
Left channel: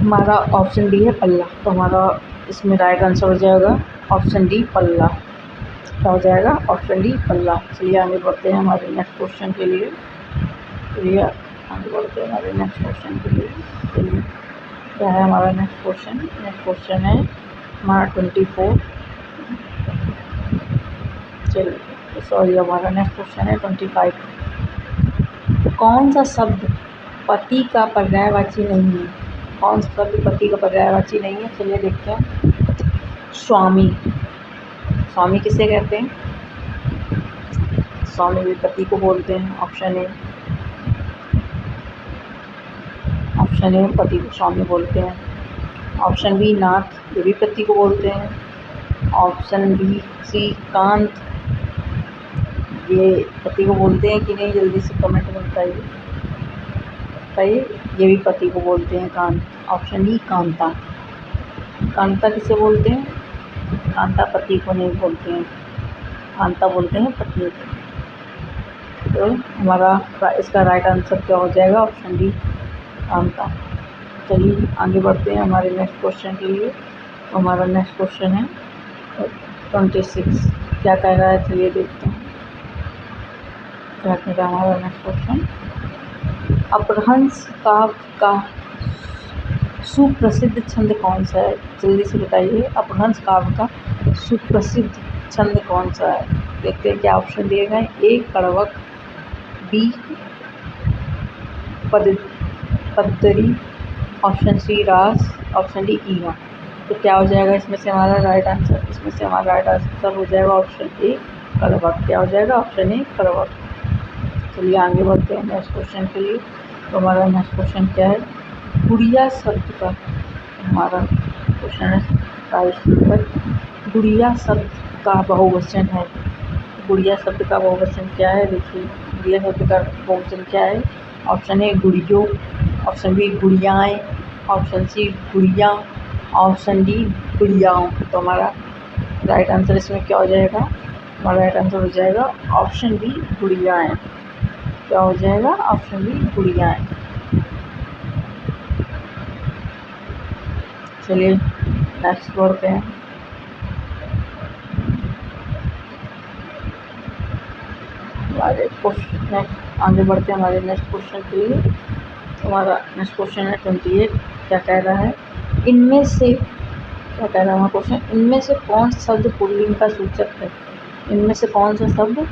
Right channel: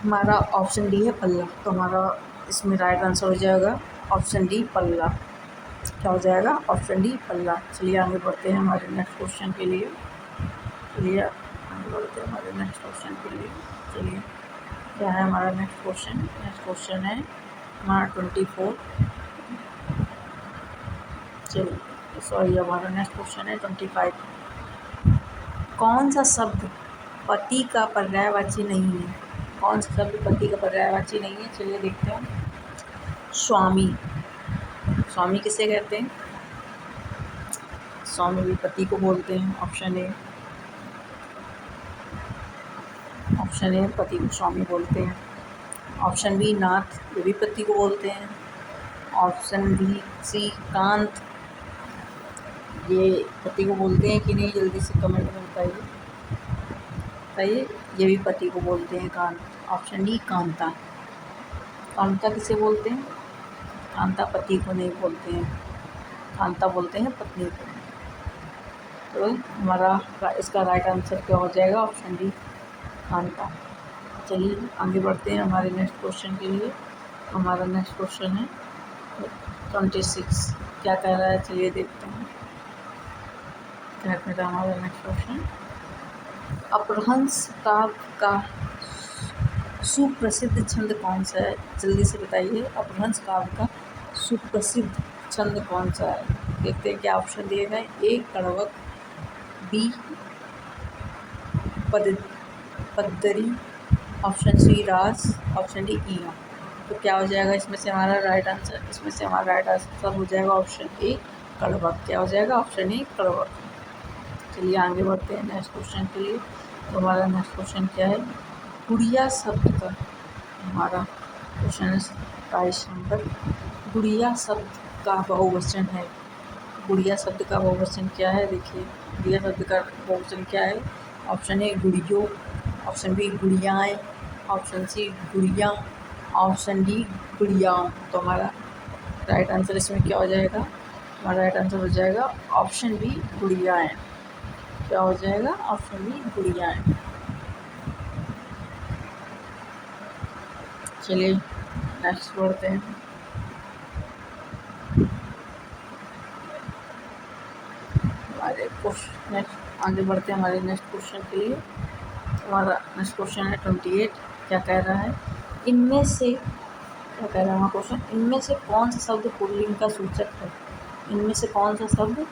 हमारा ऑप्शन डी है पल्ला। तो हमारा इसमें राइट आंसर हो जाएगा ऑप्शन डी पल्ला। क्या हो जाएगा? ऑप्शन डी पल्ला। चलिए आगे बढ़ते हैं हमारे नेक्स्ट क्वेश्चन के लिए। चलिए आगे बढ़ते हैं हमारे नेक्स्ट क्वेश्चन के लिए। चलिए क्या है हमारा नेक्स्ट क्वेश्चन? नेक्स्ट क्वेश्चन है हमारा 24। चलिए सॉरी, हमारा नेक्स्ट क्वेश्चन है 25। कौन सा शब्द पति का पर्यायवाची नहीं है? कौन सा शब्द पति का पर्यायवाची नहीं है? चलिए देखते हैं। स्वामी। स्वामी किसे कहते हैं? स्वामी भी पति को बोलते हैं। ऑप्शन ए पति को स्वामी बोलते हैं। ऑप्शन बी नाथ, ये भी पति को बोलते हैं। ऑप्शन बी सी कांत, ये पति को बोलते हैं कि नहीं? जल्दी से कमेंट में बताइए। ये भी पति को बोलते हैं कांत। ऑप्शन डी कांता। कांता किसे बोलते हैं? कांता पति को नहीं बोलते हैं, कांता बोलते हैं पत्नी को। तो हमारा इसका राइट आंसर क्या हो जाएगा? Option D Kanta. चलिए आगे बढ़ते हैं हमारे नेक्स्ट क्वेश्चन के लिए। तो हमारा नेक्स्ट क्वेश्चन है 26। क्या कह रहा है? चलिए देखते हैं क्या कह रहा है हमारा नेक्स्ट क्वेश्चन। अपभ्रंश काव्य का सुप्रसिद्ध छंद कौन सा है? जल्दी से बताइए। अपभ्रंश काव्य का सुप्रसिद्ध छंद कौन सा है? देखते हैं क्या ऑप्शन दिए गए। ए कड़वक, बी पद्दरी, ऑप्शन सी रास, ऑप्शन डी ईहा। तो क्या हो जाएगा इसमें से हमारा राइट आंसर? इसमें से हमारा राइट आंसर हो जाएगा ऑप्शन ए कड़वक। क्या हो जाएगा? ऑप्शन ए कड़वक। चलिए आगे बढ़ते हैं नेक्स्ट क्वेश्चन के लिए। तो हमारा नेक्स्ट क्वेश्चन क्या है? गुड़िया शब्द का, हमारा क्वेश्चन है 22 नंबर। गुड़िया शब्द का बहुवचन है। गुड़िया शब्द का बहुवचन क्या है? देखिए गुड़िया शब्द का बहुवचन क्या है। ऑप्शन ए गुड़ियों, ऑप्शन बी गुड़ियाएँ, ऑप्शन सी गुड़िया, ऑप्शन डी गुड़ियाओं। तो हमारा राइट आंसर इसमें क्या हो जाएगा? हमारा राइट आंसर हो जाएगा ऑप्शन बी गुड़ियाएँ। क्या हो जाएगा? ऑप्शन बी गुड़ियाएँ। चलिए नेक्स्ट बढ़ते हैं। हमारे नेक्स्ट आगे बढ़ते हैं हमारे नेक्स्ट क्वेश्चन के लिए। हमारा नेक्स्ट क्वेश्चन है 28। क्या कह रहा है? इनमें से क्या कह रहा है हमारा क्वेश्चन? इनमें से कौन सा शब्द पुल्लिंग का सूचक है? इनमें से कौन सा शब्द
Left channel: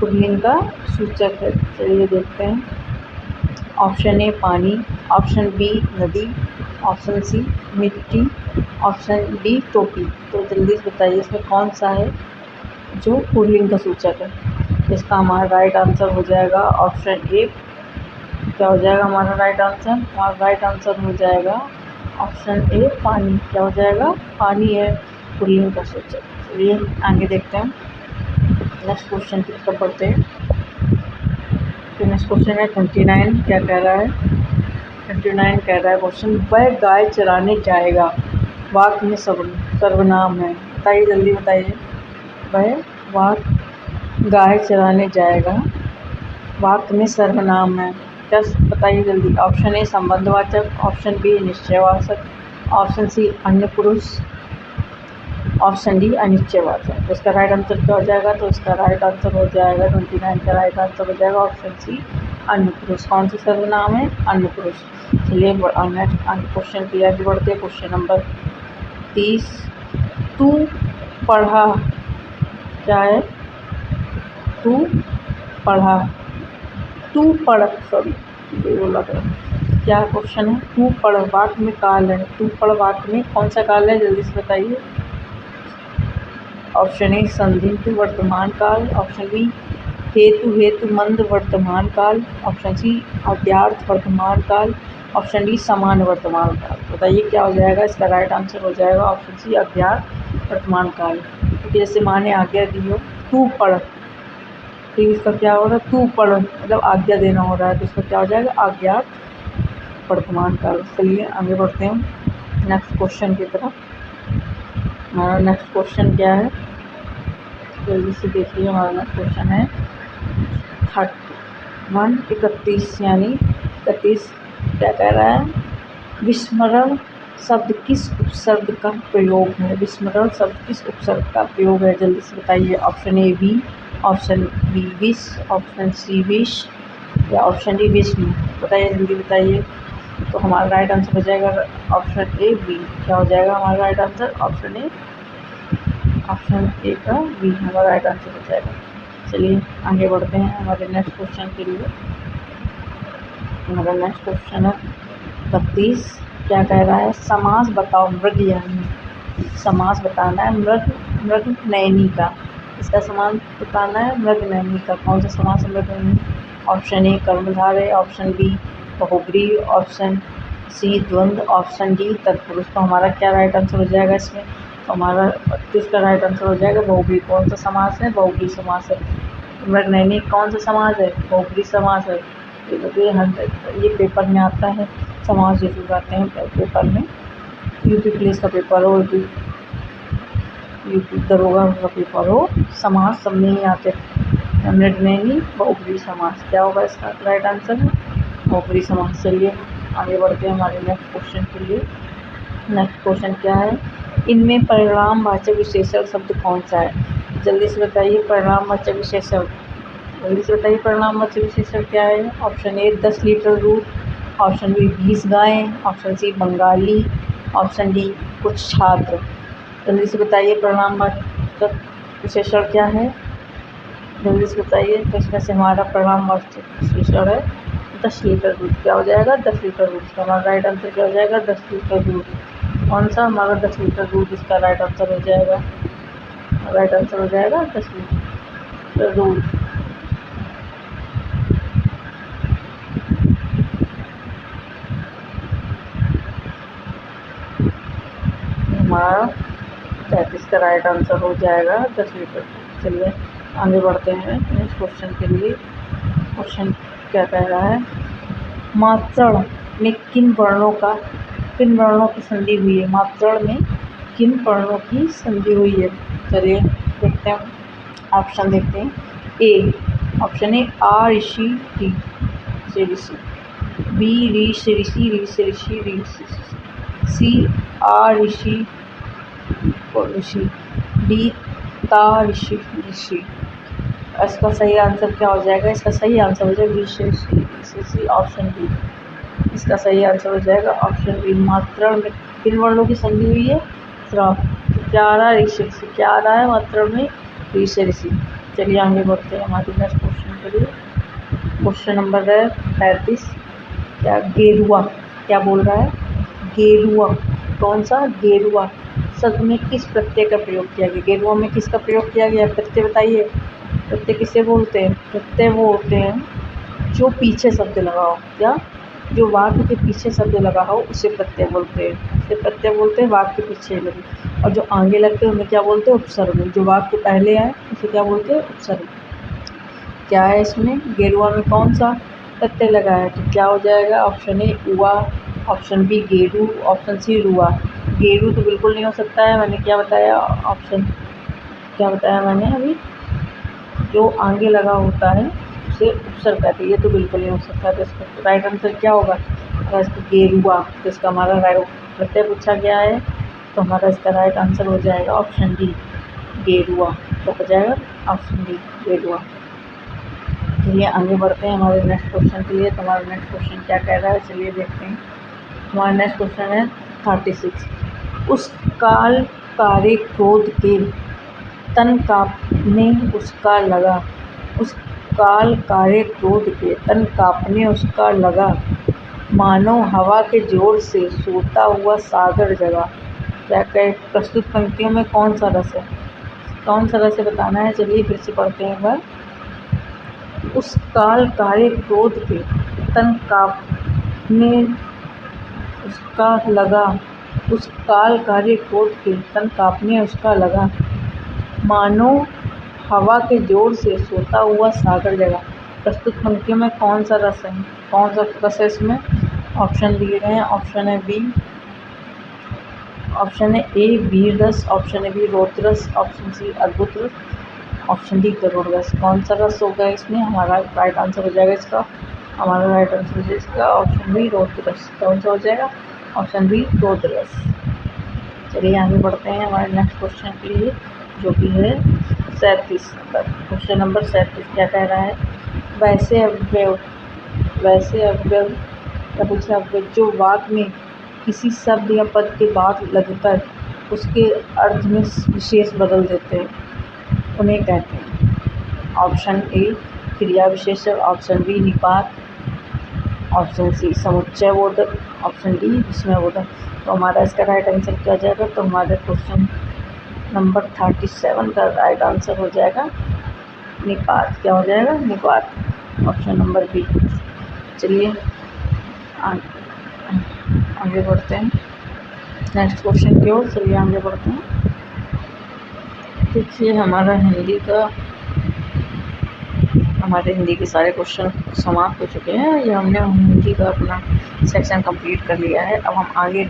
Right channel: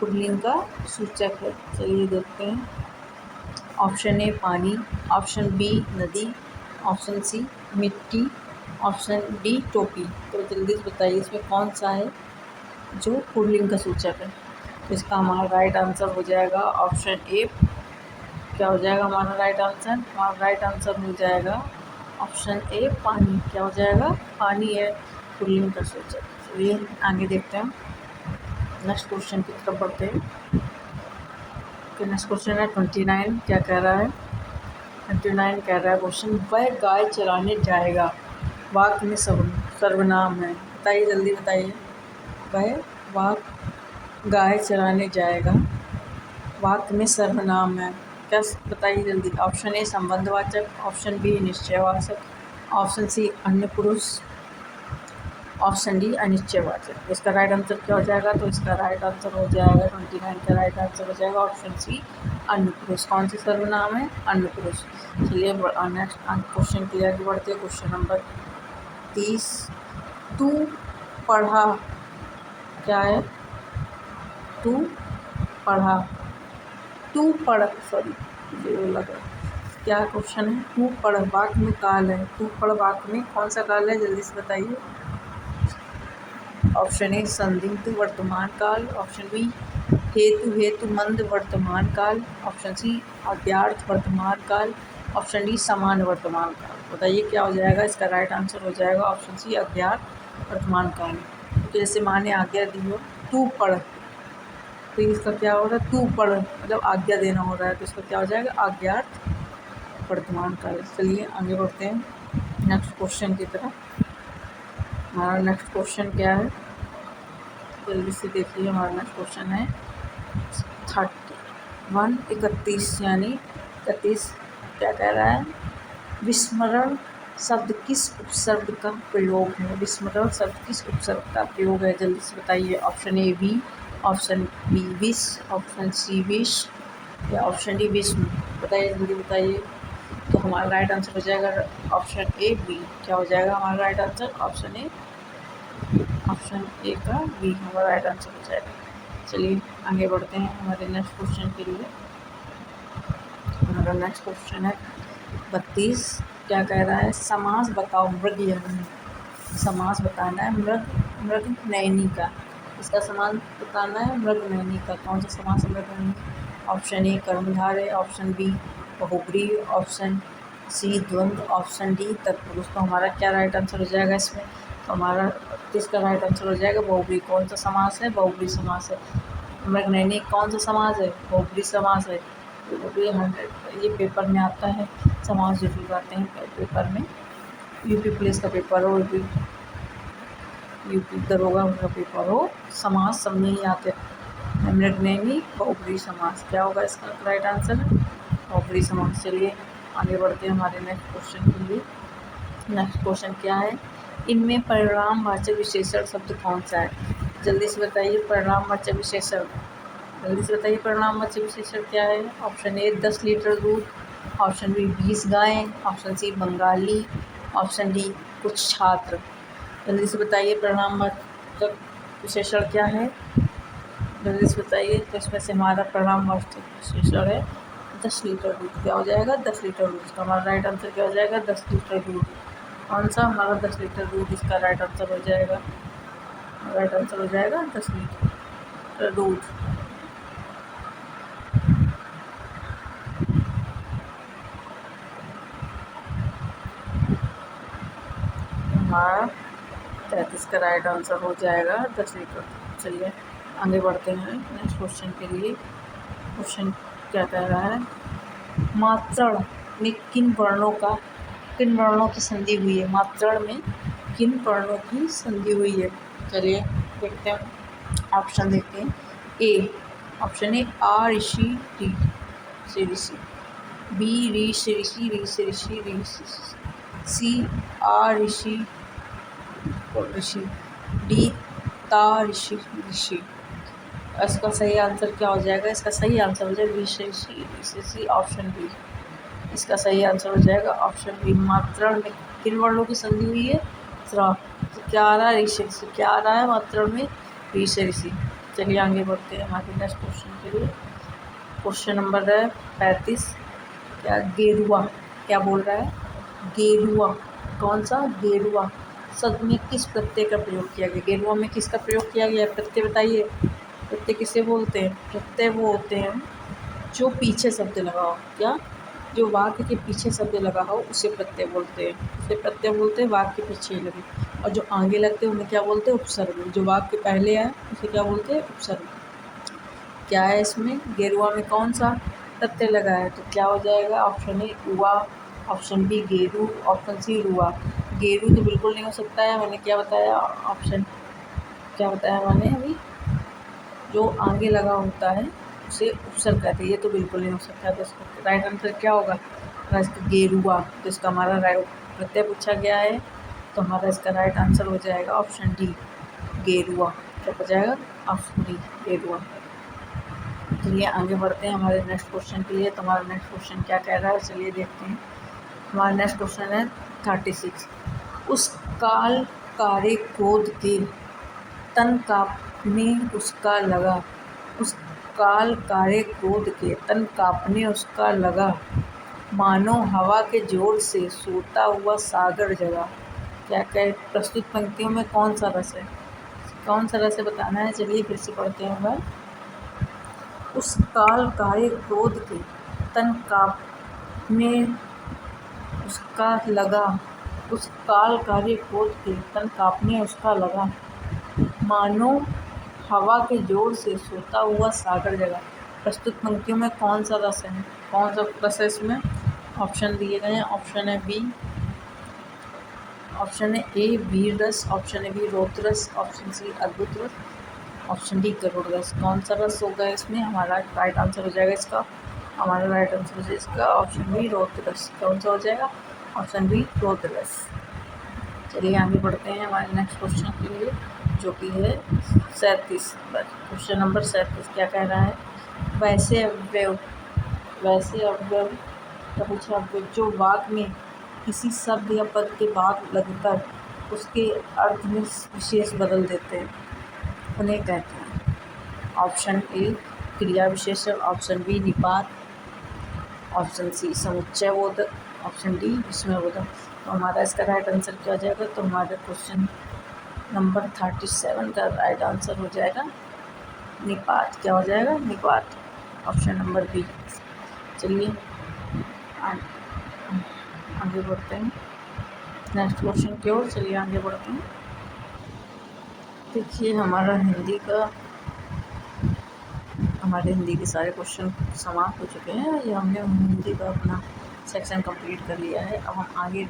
पुल्लिंग का सूचक है? चलिए देखते हैं। ऑप्शन ए पानी, ऑप्शन बी नदी, ऑप्शन सी मिट्टी, ऑप्शन डी टोपी। तो जल्दी से बताइए इसमें कौन सा है जो पुल्लिंग का सूचक है? इसका हमारा राइट आंसर हो जाएगा ऑप्शन ए। क्या हो जाएगा हमारा राइट आंसर? हमारा राइट आंसर हो जाएगा ऑप्शन ए पानी। क्या हो जाएगा? पानी है पुल्लिंग का सूचक। चलिए आगे देखते हैं नेक्स्ट क्वेश्चन की तरफ बढ़ते हैं। फिर नेक्स्ट क्वेश्चन है 29। क्या कह रहा है? 29 कह रहा है क्वेश्चन, वह गाय चराने जाएगा, वाक्य में सर्वनाम है। बताइए, जल्दी बताइए। वह गाय चराने जाएगा, वाक्य में सर्वनाम है। क्या? बताइए जल्दी। ऑप्शन ए संबंधवाचक, ऑप्शन बी निश्चयवाचक, ऑप्शन सी अन्य पुरुष, ऑप्शन डी अनिश्चयवाचक। तो इसका राइट आंसर क्या हो जाएगा? तो इसका राइट आंसर हो जाएगा 29 का राइट आंसर हो जाएगा ऑप्शन सी अन्य पुरुष। कौन सा सर्वनाम है? अन्य पुरुष। चलिए नेक्स्ट क्वेश्चन की आगे बढ़ते हैं। Question number 30। तू पढ़ा, क्या है? तू पढ़ा, तू पढ़, सॉरी ये बोला था। क्या क्वेश्चन है? तू पढ़ वाक्य में काल है, तू पढ़ वाक्य में कौन सा काल है? जल्दी से बताइए। ऑप्शन ए संदिग्ध वर्तमान काल, ऑप्शन बी हेतुमंद वर्तमान काल, ऑप्शन सी अव्यर्थ वर्तमान काल, ऑप्शन डी समान वर्तमान काल। बताइए क्या हो जाएगा? इसका राइट आंसर हो जाएगा ऑप्शन सी अव्यर्थ वर्तमान काल। क्योंकि जैसे माँ ने आज्ञा दी हो, तू पढ़, तो इसका क्या हो रहा है? तू पढ़ मतलब आज्ञा देना हो रहा है, तो इसका क्या हो जाएगा? अज्ञात वर्तमान काल। चलिए आगे बढ़ते हैं नेक्स्ट क्वेश्चन की तरफ। हमारा नेक्स्ट क्वेश्चन क्या है? जल्दी से देखिए। हमारा नेक्स्ट क्वेश्चन है 31 यानी 31। क्या कह रहा है? विस्मरण शब्द किस उपसर्ग का प्रयोग है? विस्मरण शब्द किस उपसर्ग का प्रयोग है? जल्दी से बताइए। ऑप्शन ए बी, ऑप्शन बी विष, ऑप्शन सी विष या ऑप्शन डी विष्णु। बताइए जल्दी बताइए। तो हमारा राइट आंसर हो जाएगा ऑप्शन ए बी। क्या हो जाएगा हमारा राइट आंसर? ऑप्शन ए का बी हमारा राइट आंसर हो जाएगा। चलिए आगे बढ़ते हैं हमारे नेक्स्ट क्वेश्चन के लिए। हमारा नेक्स्ट क्वेश्चन है 32। क्या कह रहा है? समास बताओ मृग यानी। समास बताना है मृग नयनी का। इसका समास बताना है मृग नयनी का। कौन सा समास मृग नयनी? ऑप्शन ए कर्मधारय, ऑप्शन बी बहुब्रीहि, ऑप्शन सी द्वंद्व, ऑप्शन डी तत्पुरुष। तो हमारा क्या राइट आंसर हो जाएगा इसमें? तो हमारा 32 का राइट आंसर हो जाएगा बहुब्रीहि। कौन सा समास है? बहुब्रीहि समास है। मृग नयनी कौन सा समास है? बहुब्रीहि समास है। ये पेपर में आता है, समास जरूर आते हैं पेपर में। यूपी पुलिस का पेपर हो, यूपी दरोगा का पेपर हो, समास सब में ही आते। मृग नयनी बहुब्रीहि समास। क्या होगा इसका राइट आंसर? बहुब्रीहि समास। चलिए आगे बढ़ते हैं हमारे नेक्स्ट क्वेश्चन के लिए। नेक्स्ट क्वेश्चन क्या है? इनमें परिणामवाचक विशेषण शब्द कौन सा है? जल्दी से बताइए। परिणामवाचक विशेषण, जल्दी से बताइए। परिणामवाचक विशेषण क्या है? ऑप्शन ए 10 लीटर दूध, ऑप्शन बी 20 गायें, option C Bengali, option D कुछ छात्र। जल्दी से बताइए परिणामवाचक विशेषण क्या है? जल्दी से बताइए। तो इसमें से हमारा परिणामवाचक विशेषण है 10 लीटर दूध। क्या हो जाएगा? 10 लीटर दूध। इसका हमारा राइट आंसर क्या हो जाएगा? 10 लीटर दूध। कौन सा? हमारा 10 लीटर दूध इसका राइट आंसर हो जाएगा। राइट आंसर हो जाएगा 10 लीटर दूध। हमारा 33 का राइट आंसर हो जाएगा 10 लीटर। चलिए आगे बढ़ते हैं नेक्स्ट क्वेश्चन के लिए। क्वेश्चन क्या कह रहा है? मात्रण में किन वर्णों की संधि हुई है? मात्रण में किन वर्णों की संधि हुई है? चलिए देखते हैं, ऑप्शन देखते हैं। ए, ऑप्शन ए आ ऋषि री से ऋषि, बी री से ऋषि री से ऋषि री से सी आ ऋषि और ऋषि, डी ता ऋषि ऋषि। इसका सही आंसर क्या हो जाएगा? इसका सही आंसर हो जाएगा ऋषि, ऑप्शन बी। इसका सही आंसर हो जाएगा ऑप्शन बी। मात्रण में किन वर्णों की संधि हुई है? क्या आ रहा है? ऋषि। क्या आ रहा है मात्रण में? ऋषि। चलिए आगे बढ़ते हैं हमारे नेक्स्ट क्वेश्चन के लिए। क्वेश्चन नंबर है 35। क्या गेरुआ, क्या बोल रहा है? गेरुआ, कौन सा? गेरुआ शब्द में किस प्रत्यय का प्रयोग किया गया? गेरुआ में किसका प्रयोग किया गया? प्रत्यय बताइए। प्रत्यय किसे बोलते हैं? प्रत्यय वो होते हैं जो पीछे शब्द लगा हो। क्या? जो वाक्य के पीछे शब्द लगा हो उसे प्रत्यय बोलते हैं। उसे प्रत्यय बोलते हैं वाक्य के पीछे लगे। और जो आगे लगते हैं उन्हें क्या बोलते हैं? उपसर्ग। जो वाक्य पहले आए उसे क्या बोलते हैं? उपसर्ग। क्या है इसमें, गेरुआ में कौन सा प्रत्यय लगा है, तो क्या हो जाएगा, ऑप्शन ए उआ, ऑप्शन बी गेरू, ऑप्शन सी रुआ। गेरू तो बिल्कुल नहीं हो सकता है, मैंने क्या बताया, ऑप्शन क्या बताया मैंने अभी, जो आगे लगा होता है उसे उपसर्ग कहते हैं, ये तो बिल्कुल नहीं हो सकता। तो इसका राइट आंसर क्या होगा, अगर इसका गेरुआ, तो इसका हमारा राइट प्रत्यय पूछा गया है, तो हमारा इसका राइट आंसर हो जाएगा ऑप्शन डी गेरुआ। क्या हो जाएगा, ऑप्शन डी गेरुआ। चलिए आगे बढ़ते हैं हमारे नेक्स्ट क्वेश्चन के लिए। तो हमारा नेक्स्ट क्वेश्चन क्या कह रहा है, चलिए देखते हैं। हमारा नेक्स्ट क्वेश्चन है 36। उस काल कारे क्रोध के तन काँपने उसका लगा, उस काल कारे क्रोध के तन काँपने उसका लगा, मानो हवा के जोर से सोता हुआ सागर जगा। क्या कहे, प्रस्तुत पंक्तियों में कौन सा रस है, कौन सा रस है बताना है। चलिए फिर से पढ़ते हैं एक बार। उस काल कारे क्रोध के तन काँपने उसका लगा, उस काल कारे क्रोध के तन काँपने उसका लगा, मानो हवा के जोर से सोता हुआ सागर जगा। प्रस्तुत पंक्तियों में कौन सा रस है, कौन सा रस है इसमें, ऑप्शन दिए गए हैं। ऑप्शन है बी, ऑप्शन है ए वीर रस, ऑप्शन है बी रौद्र रस, ऑप्शन सी अद्भुत रस, ऑप्शन डी करुण रस। कौन सा रस होगा इसमें, हमारा राइट आंसर हो जाएगा इसका, हमारा राइट आंसर हो जाएगा इसका ऑप्शन बी रौद्र रस। कौन सा हो जाएगा, ऑप्शन बी रौद्र रस। चलिए आगे बढ़ते हैं हमारे नेक्स्ट क्वेश्चन के लिए, जो कि है 37 नंबर, क्वेश्चन नंबर 37। क्या कह रहा है, वैसे अव्यय, वैसे अव्यय क्या पूछा, अव्यय जो वाक्य में किसी शब्द या पद के बाद लगकर उसके अर्थ में विशेष बदल देते हैं, उन्हें कहते हैं। ऑप्शन ए क्रिया विशेषण, ऑप्शन बी निपात, ऑप्शन सी समुच्चय बोधक, ऑप्शन डी विस्मय बोधक। तो हमारा इसका राइट आंसर क्या हो जाएगा, तो हमारे क्वेश्चन नंबर 37 का राइट आंसर हो जाएगा निपात। क्या हो जाएगा, निपात, ऑप्शन नंबर बी। चलिए आगे बढ़ते हैं नेक्स्ट क्वेश्चन की ओर। चलिए आगे बढ़ते हैं। देखिए हमारे हिंदी के सारे क्वेश्चन समाप्त हो चुके हैं। ये हमने हिंदी का अपना सेक्शन कंप्लीट कर लिया है। अब हम आगे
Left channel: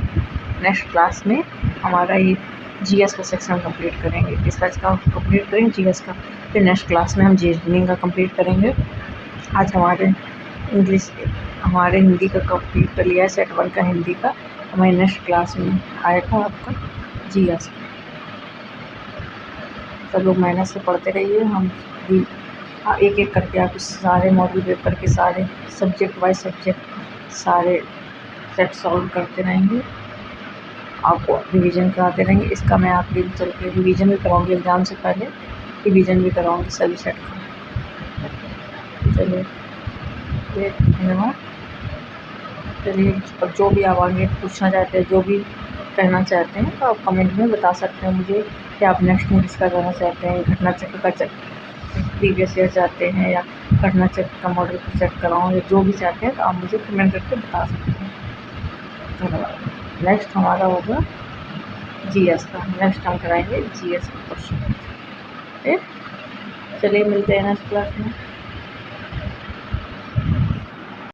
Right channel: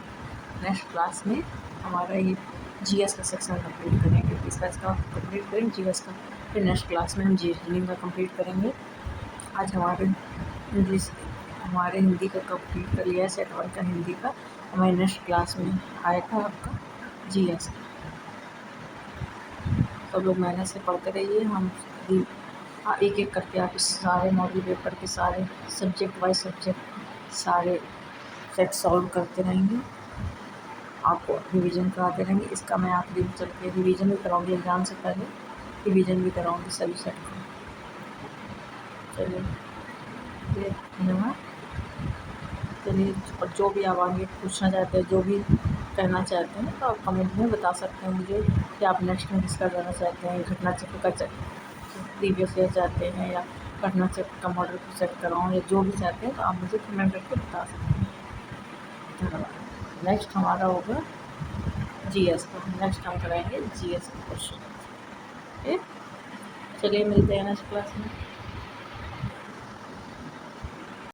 नेक्स्ट क्लास में हमारा ये जीएस का सेक्शन कंप्लीट करेंगे। किसका कंप्लीट करेंगे, जीएस का। फिर नेक्स्ट क्लास में हम रीजनिंग का कंप्लीट करेंगे। आज हमारे हिंदी का कंप्लीट कर लिया है, सेट 1 का हिंदी का। हमारे नेक्स्ट क्लास में आएगा आपका जीएस। सब लोग मेहनत से पढ़ते रहिए। हम भी एक एक करके आप सारे मॉडल पेपर के सारे सब्जेक्ट वाइज सब्जेक्ट सारे सेट सॉल्व करते रहेंगे, आपको रिवीजन कराते रहेंगे। इसका मैं आखिरी चल के रिवीजन भी कराऊंगी, एग्ज़ाम से पहले रिवीजन भी कराऊंगी सभी सेट का। चलिए धन्यवाद। चलिए, और जो भी आप आगे पूछना चाहते हैं, जो भी कहना चाहते हैं, तो आप कमेंट में बता सकते हैं मुझे कि आप नेक्स्ट में किसका करना चाहते हैं। घटना चक्र का प्रीवियस ईयर चाहते हैं, या घटना चक्र का मॉडल सेट कराऊँ, या जो भी चाहते हैं, तो आप मुझे कमेंट करके बता सकते हैं। धन्यवाद। नेक्स्ट हमारा होगा जीएस का, नेक्स्ट हम कराएंगे जीएस का क्वेश्चन। चलिए मिलते हैं नेक्स्ट क्लास में।